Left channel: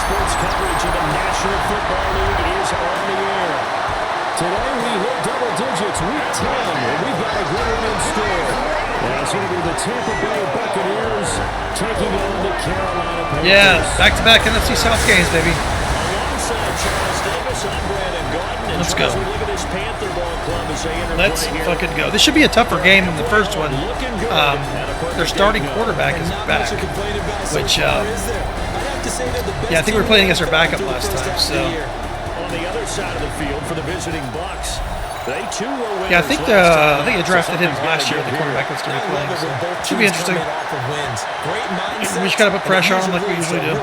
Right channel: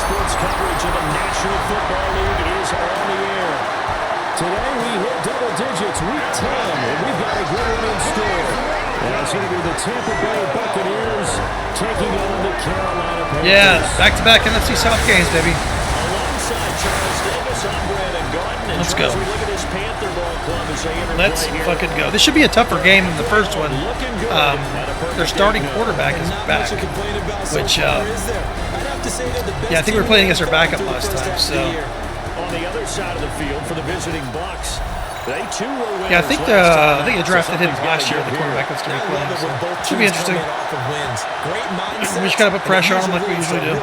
sports coverage of the National Football League is on the air. Today we hit double digits, week 10, and we've got a good one in store. It's going to be the Tampa Bay Buccaneers taking on the Carolina Panthers. Yeah, back-to-back NFC South games, baby. Alongside Charles Davis, I'm Brandon Gaudin. And Let's Charles, go. we look at this Panther ball club as they interplay Let's here. fucking go. This should be a tougher game than the first one. Their starting quarterback is back, which, yeah, I think we were playing against our backup last time, so. On the other side of the field for the visiting Bucs, they too were winners. Yeah, I think they drafted him last year, the quarterback that's going to be playing, so should be interesting. We just got to put pressure on him like we usually do.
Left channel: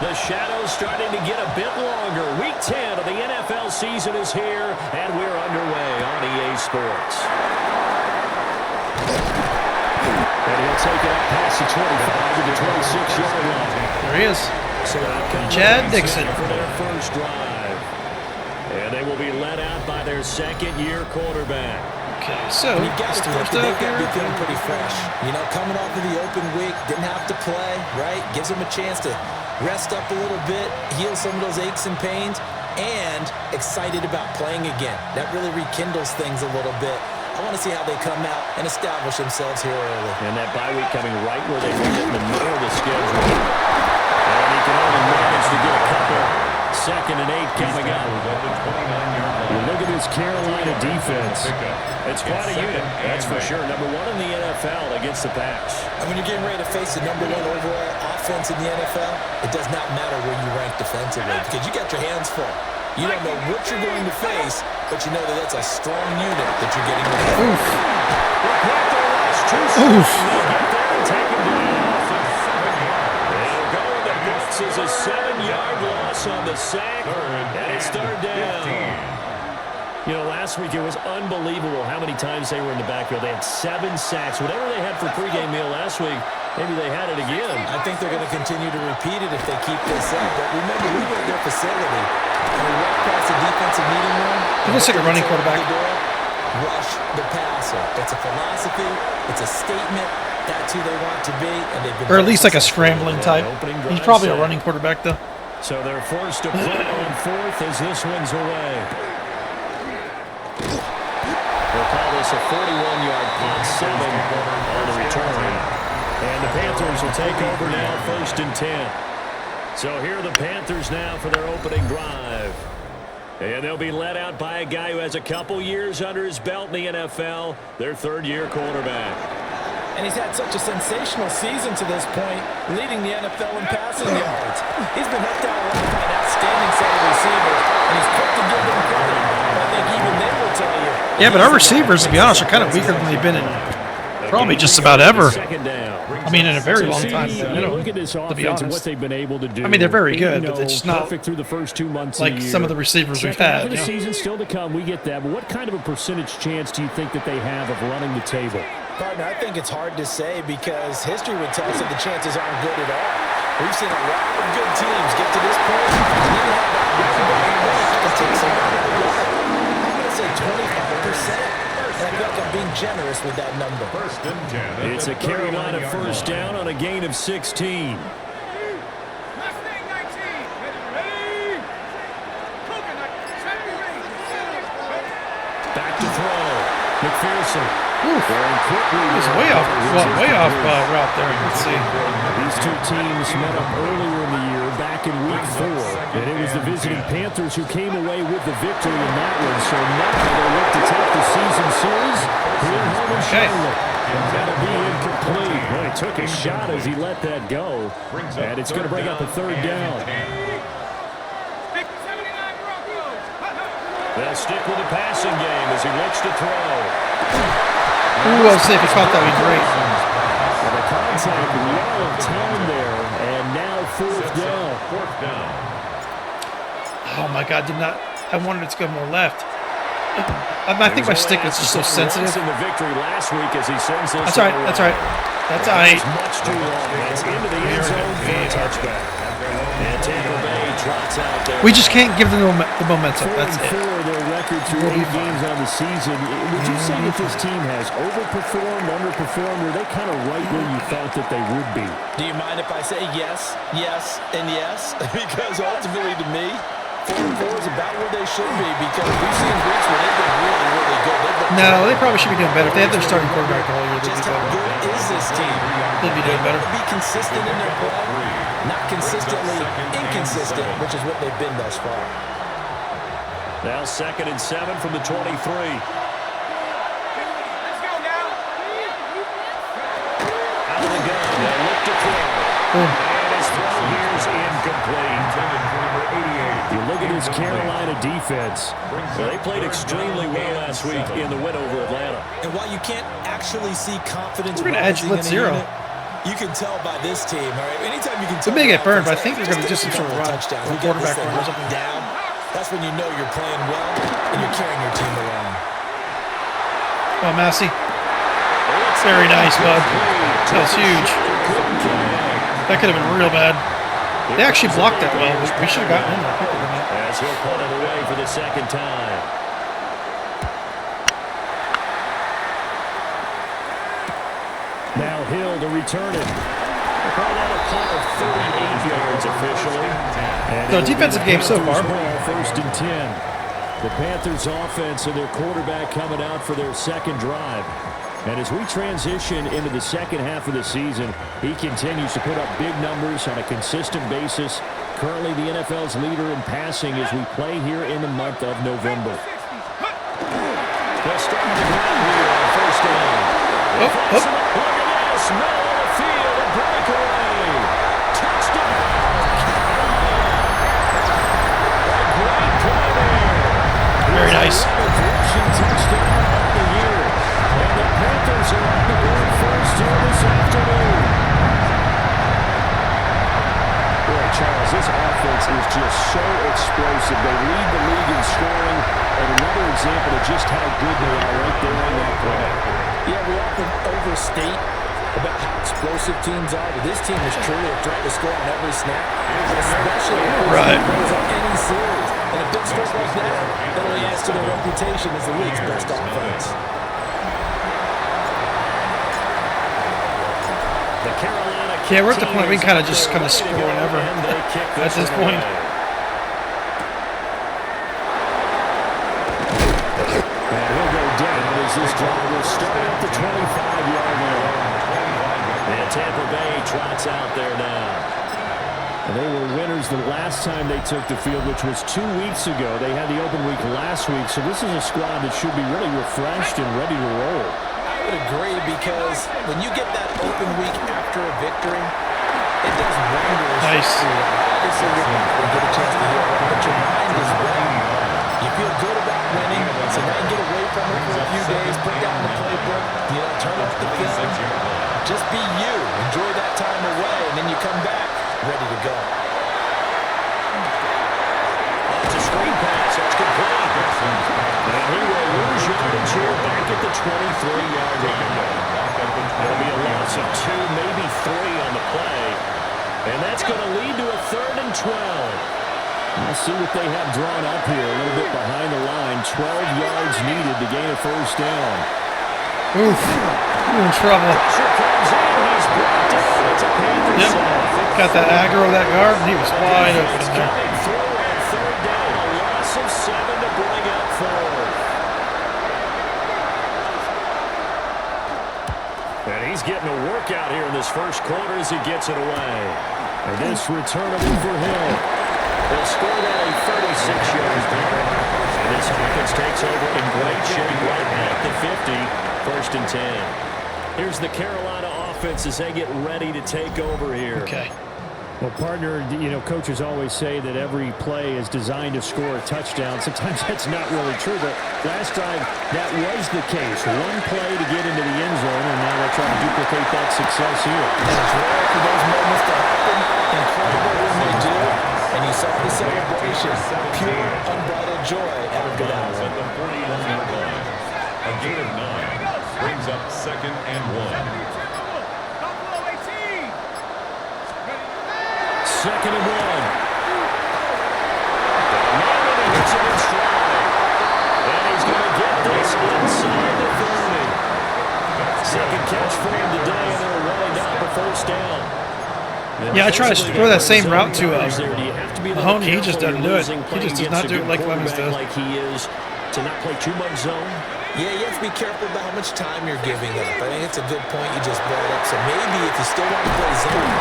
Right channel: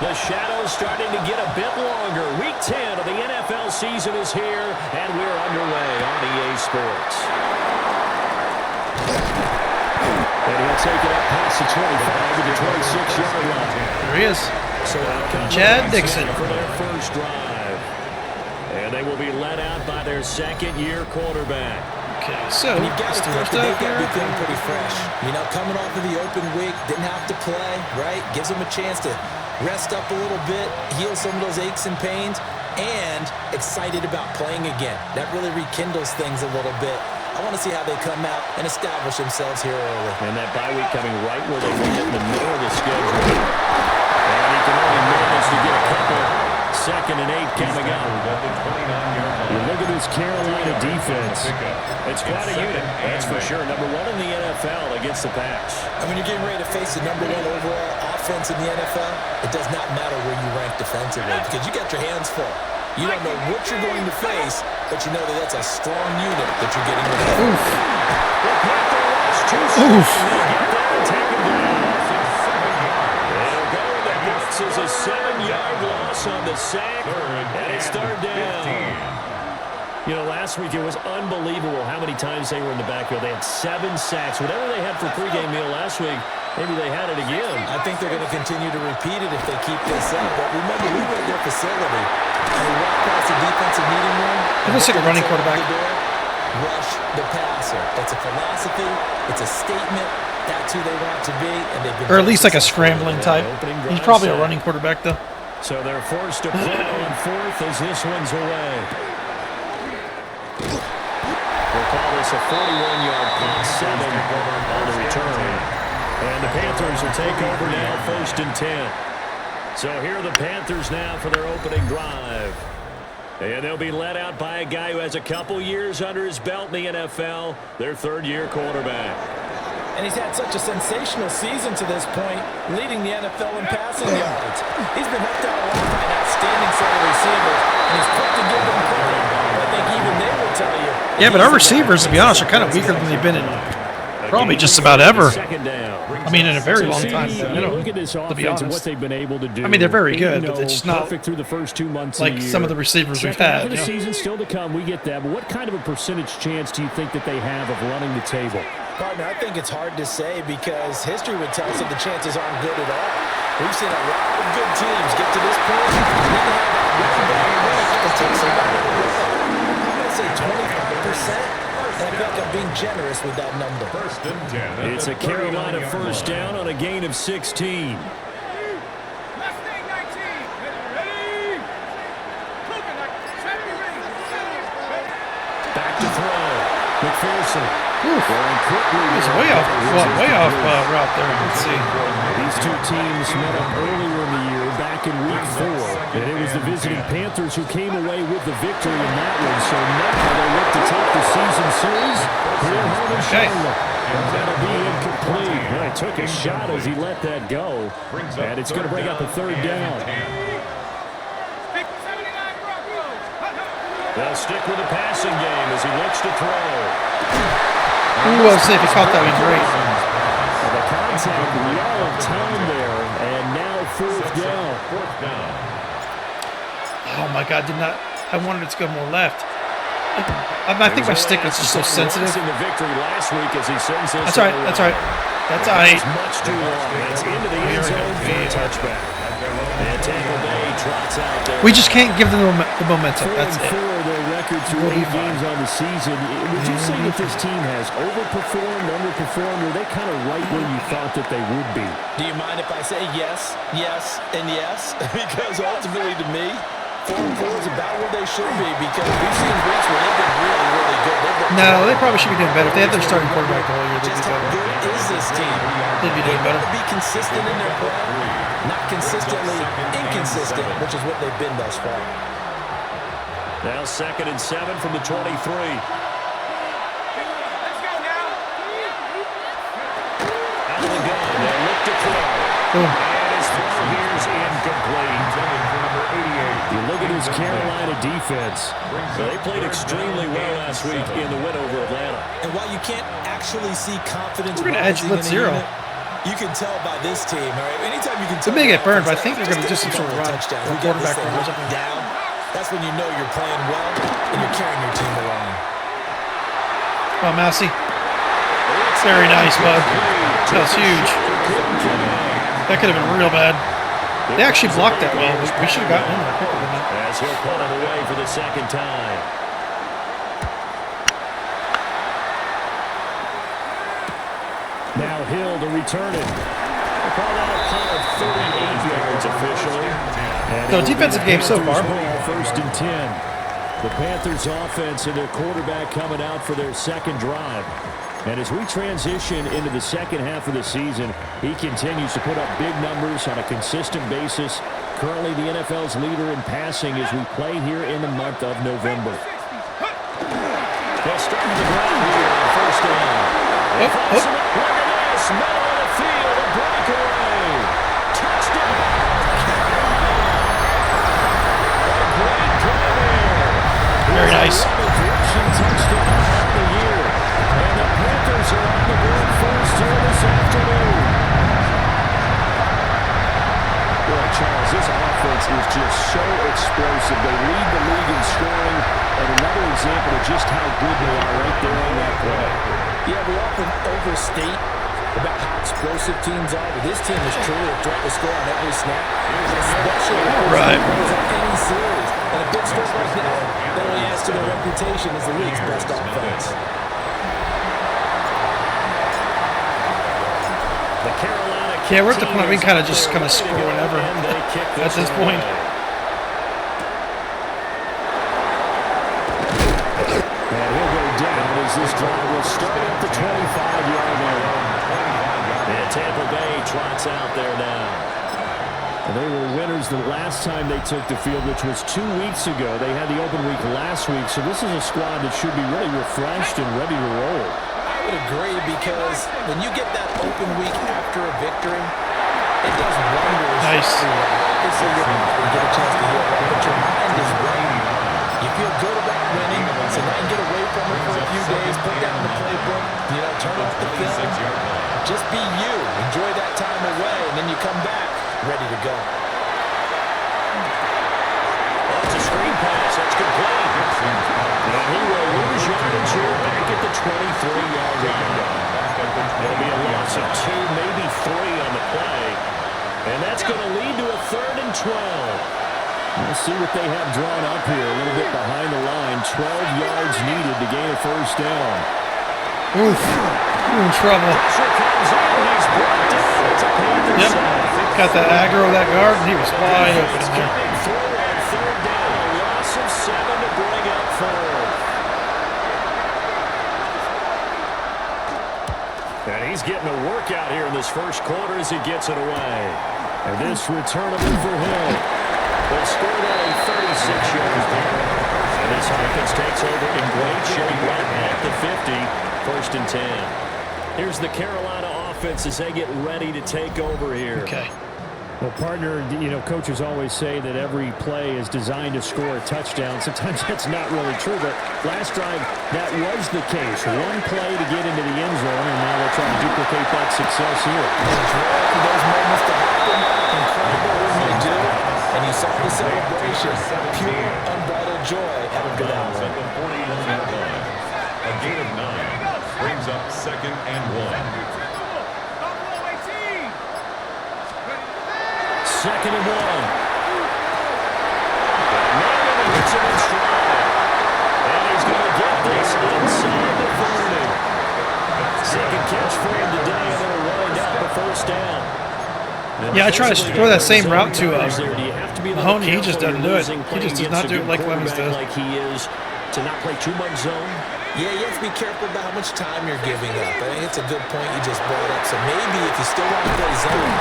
The shadow's starting to get a bit longer. Week 10 of the NFL season is here, and we're underway on EA Sports. And he'll take it up past the 25 to the 26-yard line. There he is. So out comes Chad Dixon for their first drive. And they will be led out by their second-year quarterback. Okay, so let's do our stuff here. They've got to be feeling pretty fresh. You know, coming off of the open week, didn't have to play, right? Gives them a chance to rest up a little bit, heal some of those aches and pains, and excited about playing again. That really rekindles things a little bit. I want to see how they come out and establish themselves here early. And that bye week coming right where they want it in the middle of the schedule. And he can only manage to get a couple. 2nd and 8 coming up. You look at this Carolina defense. It's quite a unit, that's for sure. Number 1 in the NFL against the pass. And when you're getting ready to face the number 1 overall offense in the NFL, it does not matter where you rank defensively because you got your hands full. You don't know what you're going to face, but you know that that's a strong unit that you're getting with. Oof. The Panther lost 2 Oof. and they get there and take him down. They'll go with the Bucs as a 7-yard loss on the sack, and it's 3rd down. You know, last week it was unbelievable how many times they were in the backfield. They had 7 sacks. Whatever they had for pregame meal last week, maybe they had it again. I think they're going to continue to repeat it if they keep this up. But remember, we were at their facility, and we walked past the defensive meeting room. It looks like a running quarterback. Rush the passer. It's a philosophy. It's a statement. That's who they want to be, and they've been. Or at least like a scrambling type. He's probably a running quarterback, though. So they're forced to punt on 4th as this one's away. We'll call this a 41-yard punt, 7 on the return. And the Panthers will take over now, 1st and 10. So here are the Panthers now for their opening drive. And they'll be led out by a guy who has a couple years under his belt in the NFL, their 3rd-year quarterback. And he's had such a sensational season to this point, leading the NFL in passing yards. He's been helped out a lot by an outstanding set of receivers, and he's quick to give them credit. I think even they would tell you. Yeah, but our receivers, to be honest, are kind of weaker than they've been in probably just about ever. I mean, in a very long time. Look at this to be offense honest. and what they've been able to do. I mean, they're very good, but it's just not perfect through the first 2 months like of the year. some of the receivers we've had. Second half of the season still to come, we get that. But what kind of a percentage chance do you think that they have of running the table? Partner, I think it's hard to say because history would tell us that the chances aren't good at all. We've seen a lot of good teams get to this point and then have that one bad week and take somebody to the run. I'm going to say 25%. And I feel like I'm being generous with that number. 1st and 10. It's a Carolina first down on a gain of 16. Back to throw. McPherson. Throwing quickly. He's way off route there. Let's see. These two teams met up earlier in the year, back in week 4. And it was the visiting Panthers who came away with the victory in that one. So now they look to take the season series here at home in Charlotte. And that'll be incomplete. Well, he took a shot as he let that go. And it's going to bring up a 3rd down. They'll stick with the passing game as he looks to throw. Ooh, I'll see if he caught that. Would be great. And the contact, well of time there, and now 4th down. 4th down. Oh my God! I wanted it to go more left. I think my stick is just so sensitive. In the victory last week as he sends this. That's all right. That's all right. That's all right. Much too long. That's into the end zone for a touchback. And Tampa Bay trots out there. We just can't give them the momentum. That's it. 4-4 their record through 8 games on the season. Would you say that this team has overperformed, underperformed, or are they kind of right where you thought that they would be? Do you mind if I say yes, yes, and yes? Because ultimately, to me, 4-4 is about where they should be, because we've seen weeks where they've been really, really good. No, they probably should be doing better. If they had their starting quarterback the whole year, they'd be Just how better. good is this team? They'd be doing better. They want to be consistent in their play, not consistently inconsistent, which is what they've been thus far. Now 2nd and 7 from the 23. Let's go now. Out of the gun, they'll look to throw. Boom. And his throw here is incomplete. You look at this Carolina defense. They played extremely well last week in the win over Atlanta. And while you can't actually see confidence We're going to edge rising blitz in a 0. unit, you can tell by this team. All right, anytime you can They tell may get burned, but I offense, think they're going to do some sort of run. touchdowns. Or We got this quarterback thing run or locked something. down. That's when you know you're playing well and you're carrying your team along. Oh, Massey. Very nice, bud. That was huge. That could have been real bad. They actually blocked that well. We should have gotten in there quicker than that. As he'll punt it away for the second time. Now Hill to return it. They call that a punt of 38 yards officially. And So defensive game so far. 1st and 10. The Panthers offense and their quarterback coming out for their second drive. And as we transition into the second half of the season, he continues to put up big numbers on a consistent basis. Currently the NFL's leader in passing as we play here in the month of November. They'll start on the ground here on 1st down. Look at this, middle of the field, a breakaway. Touchdown. A great play there. Very nice. Touchdown of the year. And the Panthers are on the board first here this afternoon. Boy, Charles, this offense is just so explosive. They lead the league in scoring, and another example of just how good they are right there on that play. Yeah, we often overstate about how explosive teams are, but this team is truly a threat to score on every snap, especially Right. in any series. And a big score like that only adds to their reputation as the league's best offense. The Carolina Yeah, we're at the point we can kind of just score whenever at this point. And he'll go down as this drive will start at the 25-yard line. And Tampa Bay trots out there now. And they were winners the last time they took the field, which was 2 weeks ago. They had the open week last week, so this is a squad that should be really refreshed and ready to roll. I would agree, because when you get that open week after a victory, it does wonders. Nice. Obviously, you're not going to get a chance to heal up, but your mind is ready. You feel good about winning, so now you get away from it for a few days, put down the playbook, turn off the film. Just be you. Enjoy that time away, and then you come back ready to go. It's a screen pass. That's complete. And he will lose yardage here back at the 23-yard line. It'll be a loss of 2, maybe 3 on the play. And that's going to lead to a 3rd and 12. We'll see what they have drawn up here. A little bit behind the line. 12 yards needed to gain a 1st down. Oof. We're in trouble. Pressure comes in. He's brought down. It's a Panthers. Yep. Got that aggro of that guard, and he was wide open in there. Coming through on 3rd down. A loss of 7 to bring up 4th. And he's getting a workout here in this first quarter as he gets it away. And this returnable for Hill. They'll score that a 36-yard punt. And this offense takes over in great shape right at the 50. 1st and 10. Here's the Carolina offense as they get ready to take over here. Okay. Well, partner, coaches always say that every play is designed to score a touchdown. Sometimes that's not really true, but last drive, that was the case. One play to get into the end zone, and now they're trying to duplicate that success here. It's rare for those moments to happen. Incredible when they do. And you saw the celebration. Pure, unbridled joy out of Goodell. At the 41-yard line. A gain of 9 brings up 2nd and 1. 2nd and 1. Gets him in stride. And he's going to get this inside the 30. Second catch for him today, and it'll wind up a first down. Yeah, I try to throw that same route to Mahoney. He just doesn't do it. He just does not do it like Clemens does. Like he is to not play too much zone. Yeah, you have to be careful about how much time you're giving up. I think it's a good point you just brought up. So maybe if you still want to play zone.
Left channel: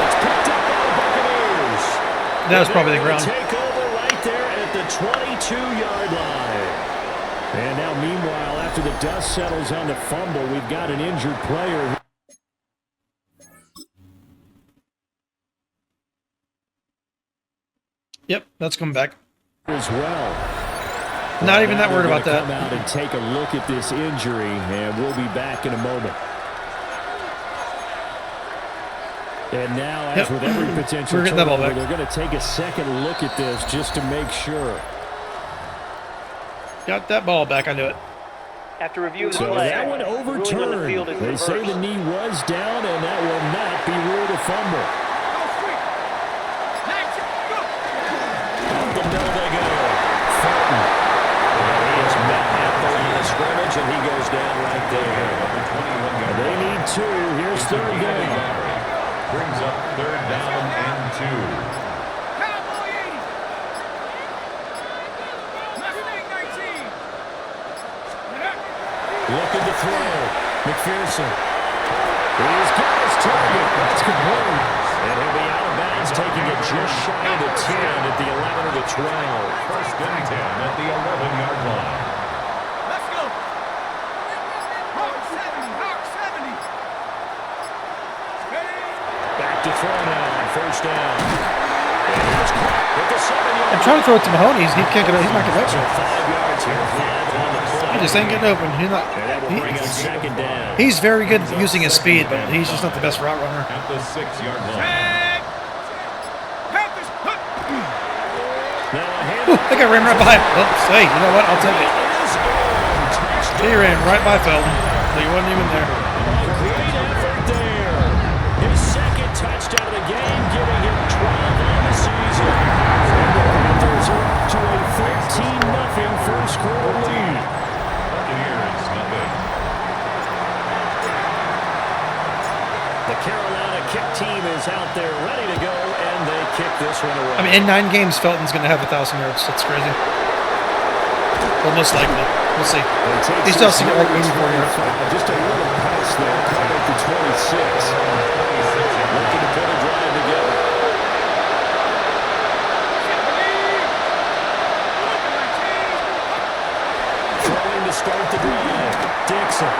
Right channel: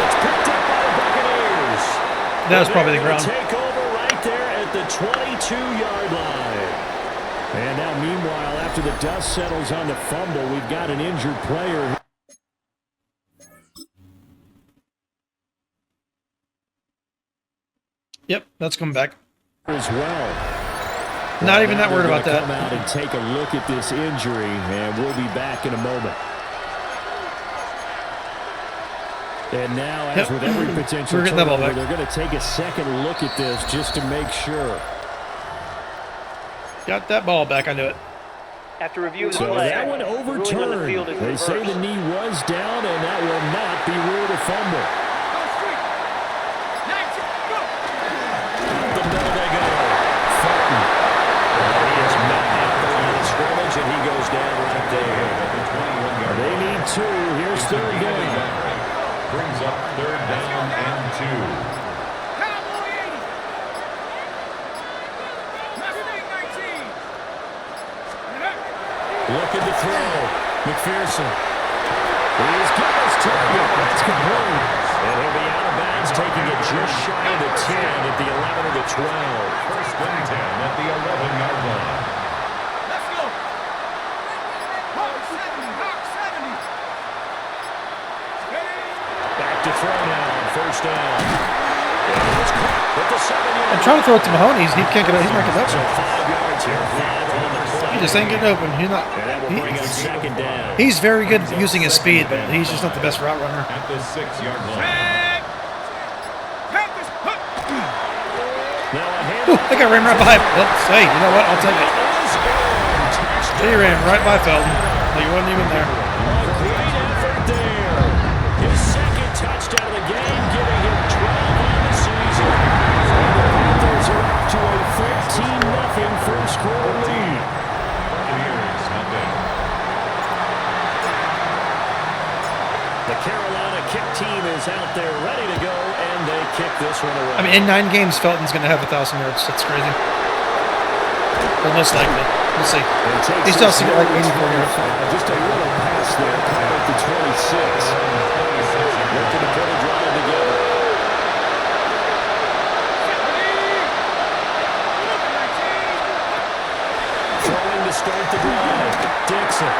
It's picked up by the Buccaneers. That was probably the ground. Take over right there at the 22-yard line. And now, meanwhile, after the dust settles on the fumble, we've got an injured player. Yep, that's coming back. As well. Not even that worried about that. Come out and take a look at this injury, and we'll be back in a moment. And now, as with every potential turnover, they're going to take a second look at this just to make sure. Got that ball back. I knew it. After review of the So play, that one overturned. They say the knee was down, and that will not be ruled a fumble. Up the middle they go. Felton. And he is met at the line of scrimmage, and he goes down right there. They need two. Here's third down. Brings up third down and 2. Cowboy 80. Mustang 19. Looking to throw. McPherson. He's got his target. That's complete. And he'll be out of bounds, taking it just shy of the 10 at the 11 or the 12. First and 10 at the 11-yard line. Let's go. Hawk 70. Hawk 70. Back to throw now on first down. And he's caught at the 7-yard. I'm trying to throw it to Mahoney. He can't get it. He's not getting So open. 5 yards here. 5 on the play. He just ain't getting open. He's not. And that will bring up second down. He's very good at using his speed, but he's just not the best route runner. At the 6-yard line. Panthers. Now a hand. Ooh, I got ran right by him. Well, hey, you know what? I'll take it. He ran right by Felton. Well, he wasn't even there. A great effort there. His second touchdown of the game, giving him 12 on the season. And the Panthers are off to a 13-0 first quarter lead. Buccaneers, nothing. The Carolina kick team is out there ready to go, and they kick this one away. I mean, in 9 games, Felton's going to have 1,000 yards. That's crazy. Well, most likely. We'll see. He still has to get like 84 yards. Just a little pass there, caught at the 26. Looking to put a drive together. Throwing to start the drive. Dixon.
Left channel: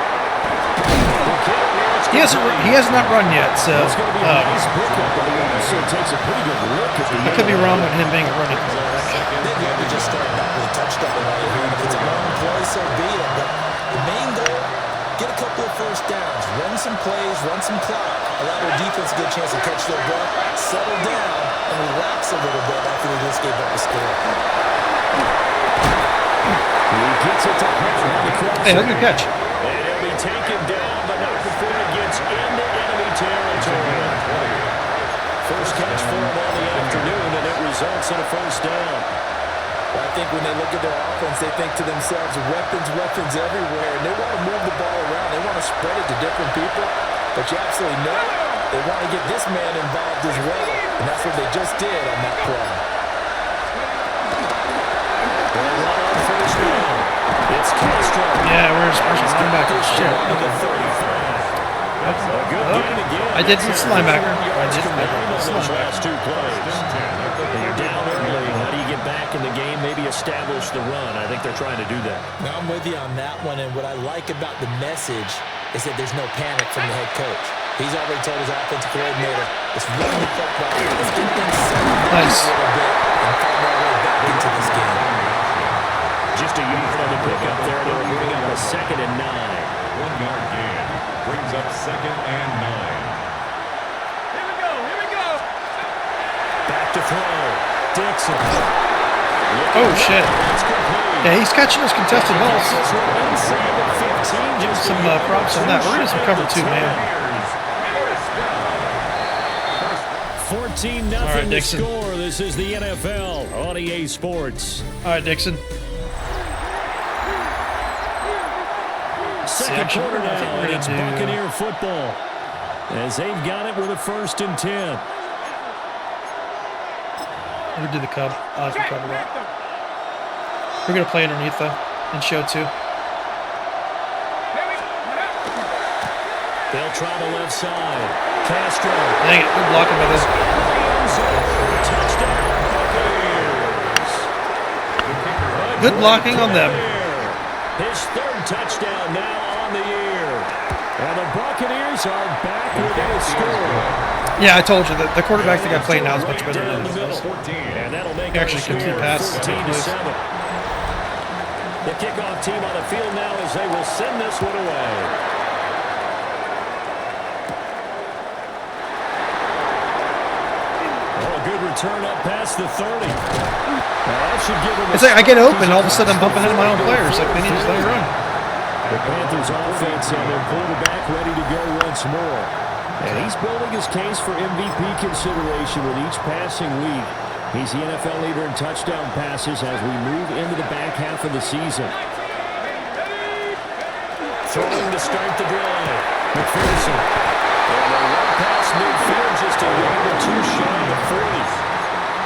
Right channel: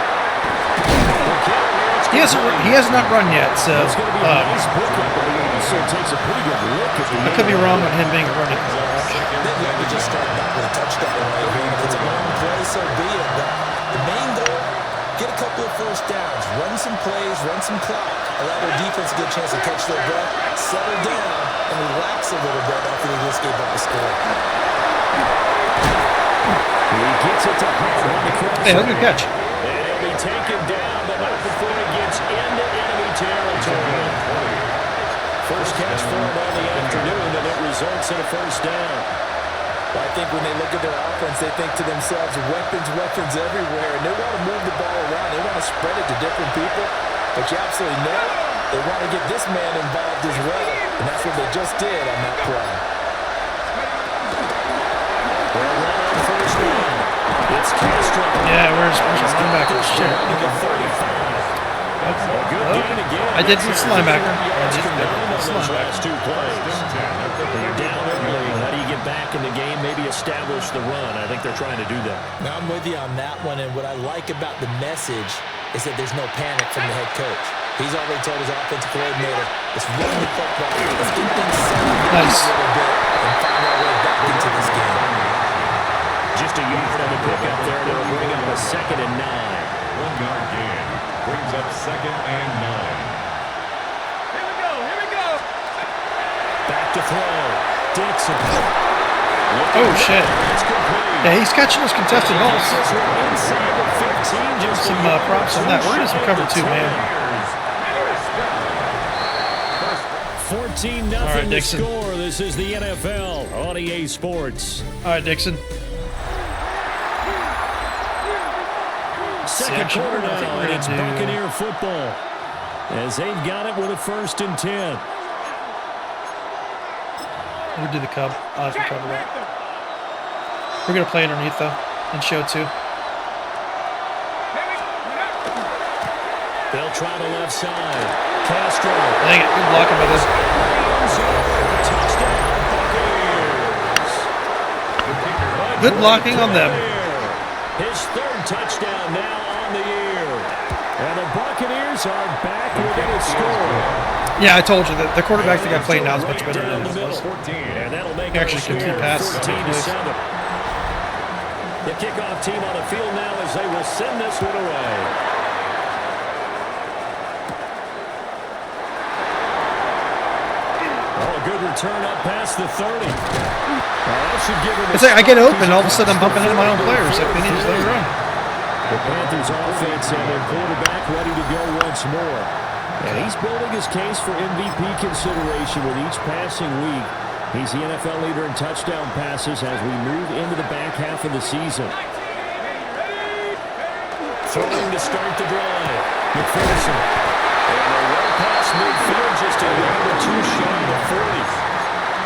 He has not run yet, so It's going to be a nice pickup, but he also takes a pretty good look at the I could be wrong on him being a running quarterback. They'd love to just start back with a touchdown right here. And if it's a long play, so be it. But the main goal, get a couple of first downs, run some plays, run some clock, allow their defense a good chance to catch their breath, settle down, and relax a little bit after they just gave up a score. He gets it to Hunt on the cross. Hey, that's a good catch. And he'll be taken down, but not before it gets into enemy territory. First catch for him on the afternoon, and it results in a first down. Well, I think when they look at their offense, they think to themselves, weapons, weapons everywhere, and they want to move the ball around. They want to spread it to different people, but you absolutely know they want to get this man involved as well, and that's what they just did on that play. They'll run on first down. It's Castro. Yeah, where's your linebacker? Shit. I did this linebacker. I did this linebacker. Last 2 plays. You're down early. How do you get back in the game? Maybe establish the run. I think they're trying to do that. Now, I'm with you on that one, and what I like about the message is that there's no panic from the head coach. He's already told his offensive coordinator, let's run the football, let's get things settled down a little bit and find our way back into this game. Just a yard on the pickup there, and it'll bring up a 2nd and 9. 1-yard gain. Brings up 2nd and 9. Here we go. Here we go. Back to throw. Dixon. Oh, shit. Yeah, he's catching those contested balls. Give him some props on that. We're going to some cover 2, man. 14-0 right, the Dixon. score. This is the NFL on EA Sports. All right, Dixon. Second actually, quarter I think now, we're and gonna it's do- Buccaneer football as they've got it with a 1st and 10. We're gonna do the Cub. I like the Cub a lot. We're gonna play underneath though, and show too. They'll try the left side. Castro. Dang it, good blocking by this. Touchdown, Buccaneers. Good blocking on them. His 3rd touchdown now on the year. And the Buccaneers are back within a score. Yeah, I told you that the quarterback that got played now is much better Down than the it middle. was. And that'll make He our actually score complete passes. 14-7. The kickoff team on the field now as they will send this one away. Oh, a good return up past the 30. Now that should give him It's like I get open, all of a sudden I'm bumping into my own players. Like they need to just let me run. The Panthers offense and their quarterback ready to go once more. And he's building his case for MVP consideration with each passing week. He's the NFL leader in touchdown passes as we move into the back half of the season. Throwing to start the drive. McPherson. And a run past midfield, just a yard or two shy of the 40.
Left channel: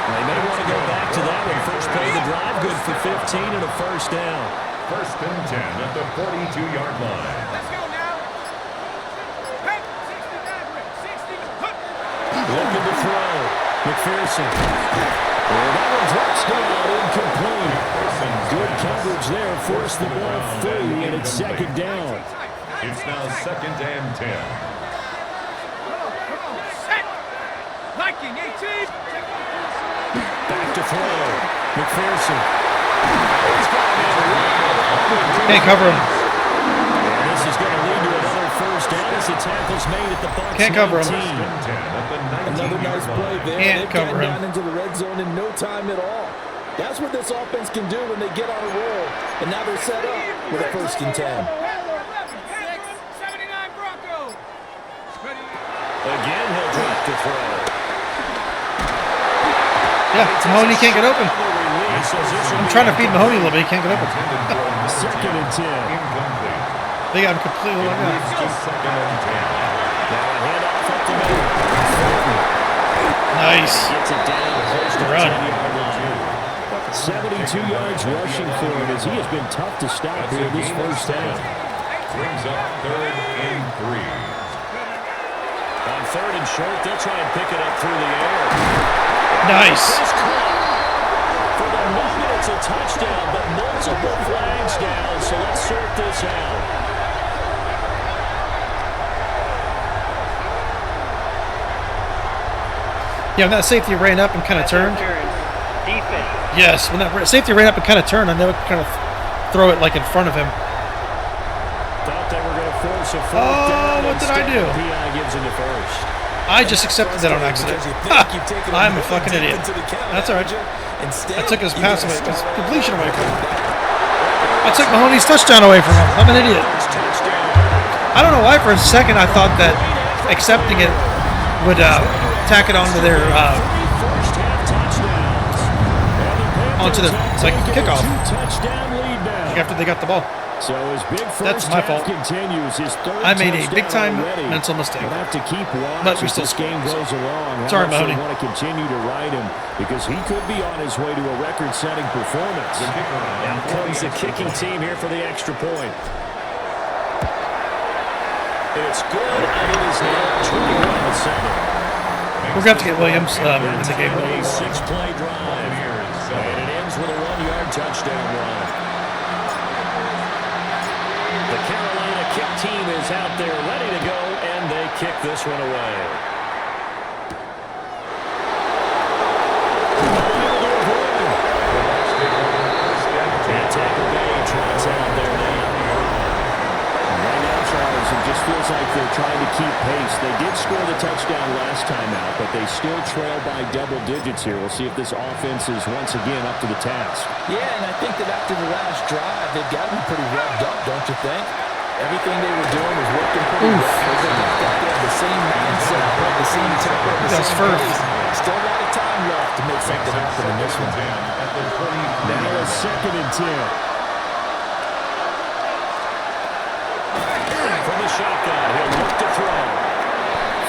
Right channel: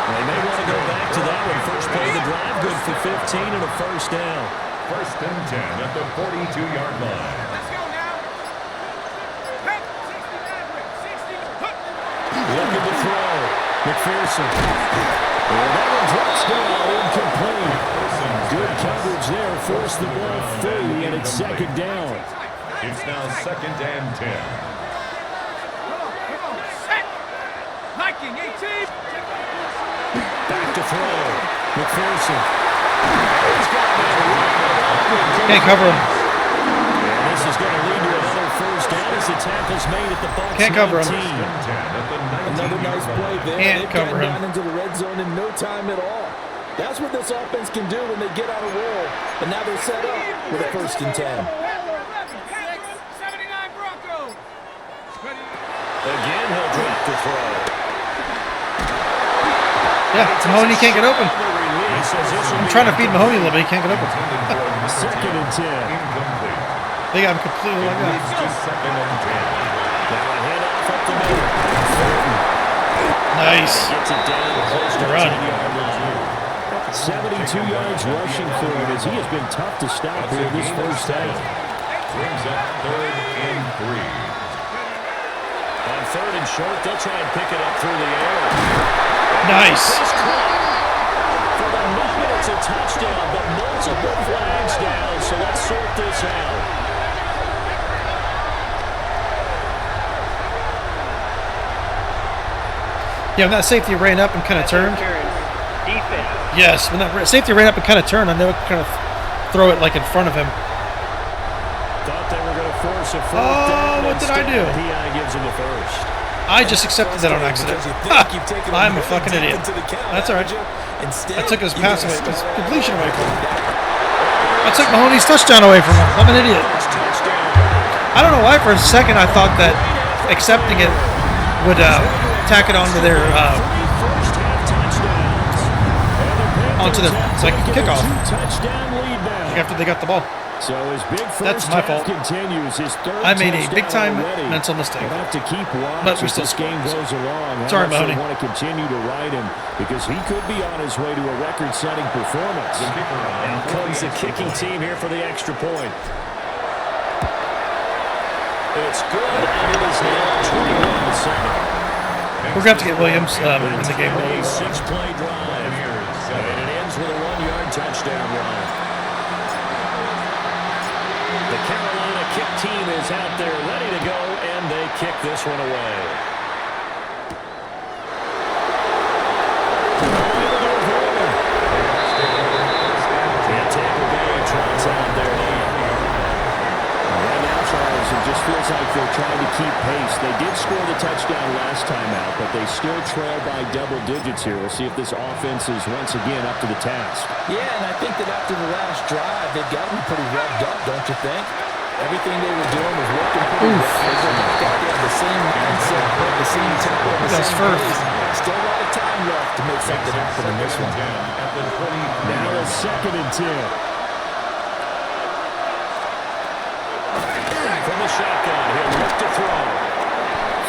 They may want to go back to that one. First play of the drive, good for 15 and a 1st down. 1st and 10 at the 42-yard line. Let's go now. Hey, 60 average, 60. Looking to throw. McPherson. And that one drops down, incomplete. Good coverage there, forced the ball free, and it's 2nd down. It's now 2nd and 10. Come on, set. Liking, 18. Back to throw. McPherson. He's got it. Can't cover him. And this is going to lead to another 1st down as the tackle's made at the Bucs. Can't cover him. 19. 10 at the 19-yard Another nice play there. Can't They've cover gotten him. down into the red zone in no time at all. That's what this offense can do when they get on a roll. And now they're set up with a 1st and 10. 79 Broncos. Ready. Again, he'll drop to throw. Yeah, Mahoney can't get open. I'm trying to feed Mahoney a little bit. He can't get open. 2nd and 10. Incomplete. They got him completely locked out. It's just 2nd and 10. Now a handoff up the middle. Nice. Gets it down close to the Run. 10-yard line. 72 yards rushing for him as he has been tough to stop here this 1st half. Brings up 3rd and 3. On 3rd and short, they'll try and pick it up through the air. Nice. For the moment, it's a touchdown, but multiple flags down, so let's sort this out. Yeah, when that safety ran up and kind of turned. Defense. Yes, when that safety ran up and kind of turned, I never kind of throw it like in front of him. Thought they were going to force a 4th Oh, down. what did I do? PI gives him the 1st. I just accepted that on accident. Ha! I'm a fucking idiot. That's all right. I took his pass away, his completion away from him. I took Mahoney's touchdown away from him. I'm an idiot. I don't know why for a second I thought that accepting it would tack it onto their onto the like kickoff after they got the ball. So his big first That's my fault. continues. His 3rd I made a touchdown big-time already. mental mistake. We'll have to keep watch But we as still this game scored. goes along. How Sorry, much they Mahoney. want to continue to ride him because he could be on his way to a record-setting performance. The kicker on Now for comes the extra kicking point. team here for the extra point. It's good, and it is now 21-7. We're going to have to get Williams in the game. A 6-play drive, and it ends with a 1-yard touchdown run. The Carolina kick team is out there ready to go, and they kick this one away. Unable to avoid him. And Tampa Bay trots out there now. Right now, Charles, it just feels like they're trying to keep pace. They did score the touchdown last time out, but they still trail by double digits here. We'll see if this offense is once again up to the task. Yeah, and I think that after the last drive, they've got to be pretty revved up, don't you think? Everything they were doing was working pretty well. They have the same mindset, the same tempo, the That was same first. pace. Still a lot of time left to make something happen in this one. Now a 2nd and 10. From the shotgun, he'll look to throw.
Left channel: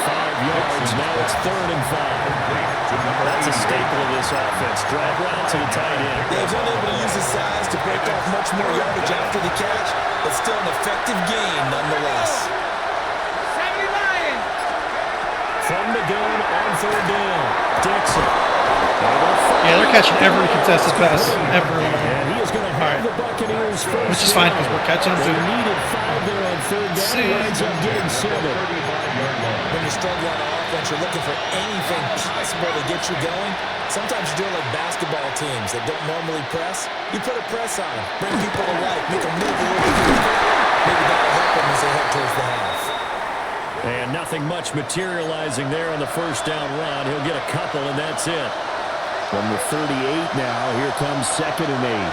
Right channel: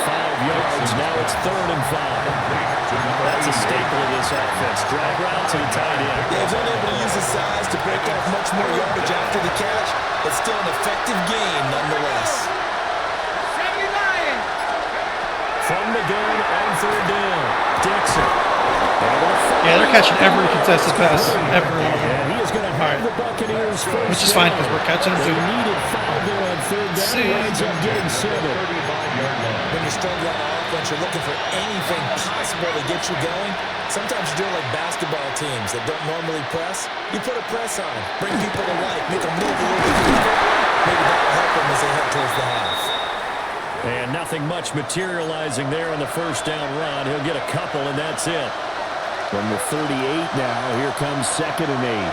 5 yards, now it's 3rd and 5. That's a staple of this offense. Drag route to the tight end. Dave's unable to use his size to break off much more yardage after the catch, but still an effective gain nonetheless. 70 Lions. From the gun on 3rd down, Dixon. Yeah, they're catching every contested pass. Every one of them. And he is going to have the Buccaneers first. Which is fine because we're catching them They too. needed 5 there on 3rd down. See. Winds up getting 7. When you struggle on offense, you're looking for anything possible to get you going. Sometimes you're doing like basketball teams that don't normally press. You put a press on, bring people to life, make them move a little bit quicker. Maybe that'll help them as they head towards the half. And nothing much materializing there on the 1st down run. He'll get a couple, and that's it. From the 38 now, here comes 2nd and 8.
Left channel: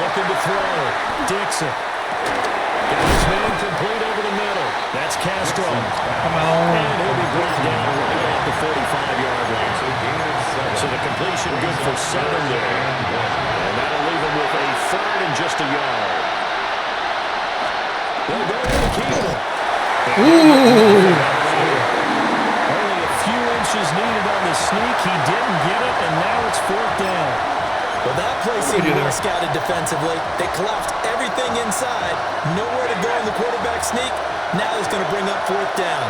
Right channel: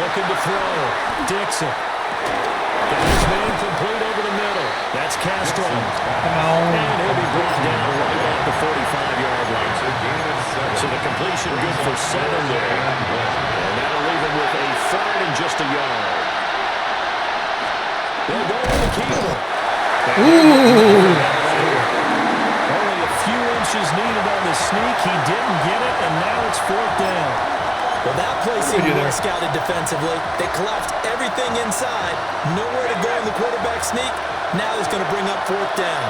Looking to throw. Dixon. Got his man complete over the middle. That's Castro. Come on. And he'll be brought down right at the 45-yard line. So the completion good for 7 there. And that'll leave him with a 3rd and just a yard. They'll go to the keeper. Ooh. Only a few inches needed on the sneak. He didn't get it, and now it's 4th down. Well, that play seemed well scouted defensively. They collapsed everything inside. Nowhere to go in the quarterback sneak. Now he's going to bring up 4th down.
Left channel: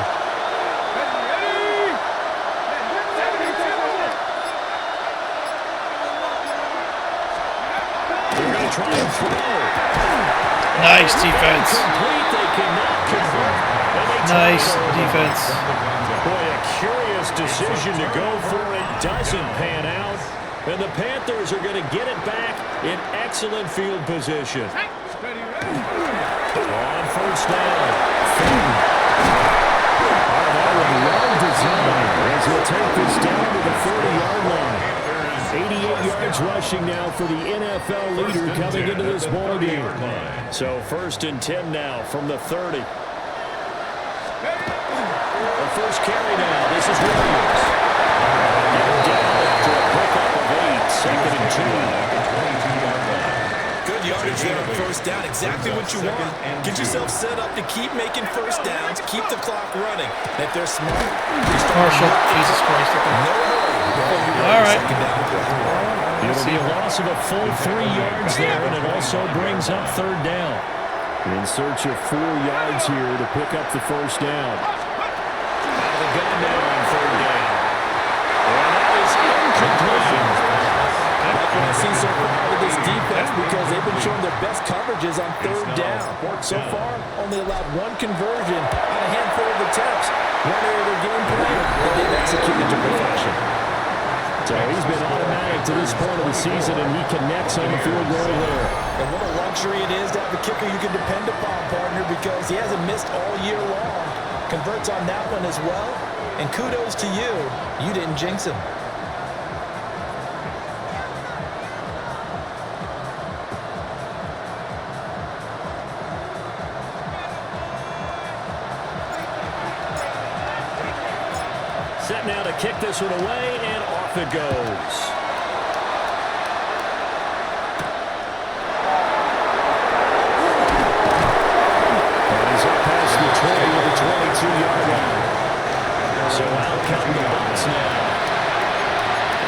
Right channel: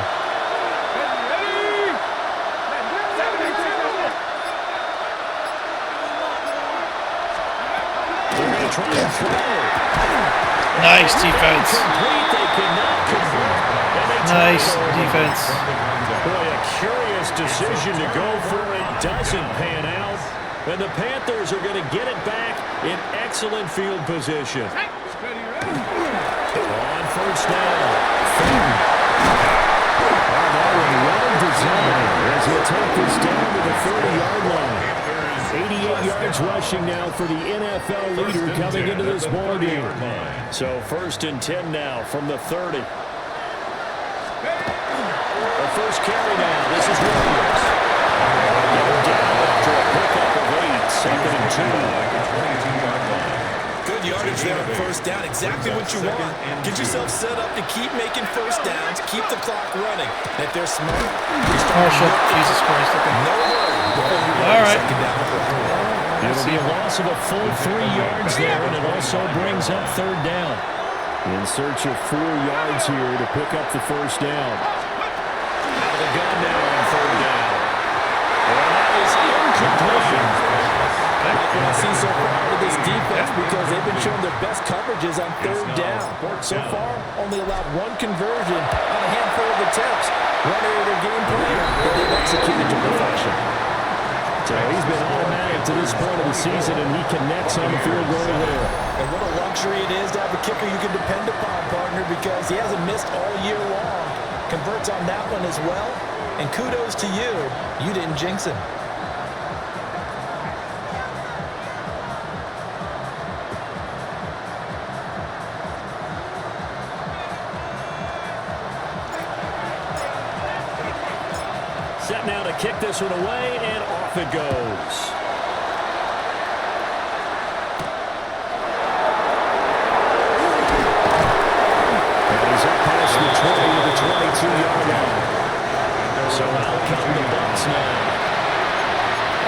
Ready. 72. They're going to try and throw. Nice defense. Complete. They cannot convert. And they Nice turn it over. defense. Boy, a curious decision to go for it. Doesn't pan out. And the Panthers are going to get it back in excellent field position. Ready. On 1st down. Oh, that one well designed as he'll take this down to the 30-yard line. 88 yards rushing now for the NFL leader coming into this ball game. So 1st and 10 now from the 30. The first carry now. This is Williams. Get him down after a pickup of 8. 2nd and 2. Good yardage there on 1st down. Exactly what you want. Get yourself set up to keep making 1st downs, keep the clock running. And if they're smart, Marshall. Jesus Christ. no Okay. hurry before you All right. 2nd down play. It'll be a loss of a full 3 yards there, and it also brings up 3rd down. In search of 4 yards here to pick up the 1st down. Out of the gun now on 3rd down. And that is incomplete. Like what I see so far with this defense, because they've been showing their best coverages on 3rd down. So far, only allowed 1 conversion on a handful of attempts. One area of their game plan that they've executed to perfection. So he's been automatic to this point of the season, and he connects on the field goal there. And what a luxury it is to have a kicker you can depend upon, partner, because he hasn't missed all year long. Converts on that one as well. And kudos to you. You didn't jinx him. Set now to kick this one away, and off it goes. And he's up past the 20 to the 22-yard line. So out come the Bucs now.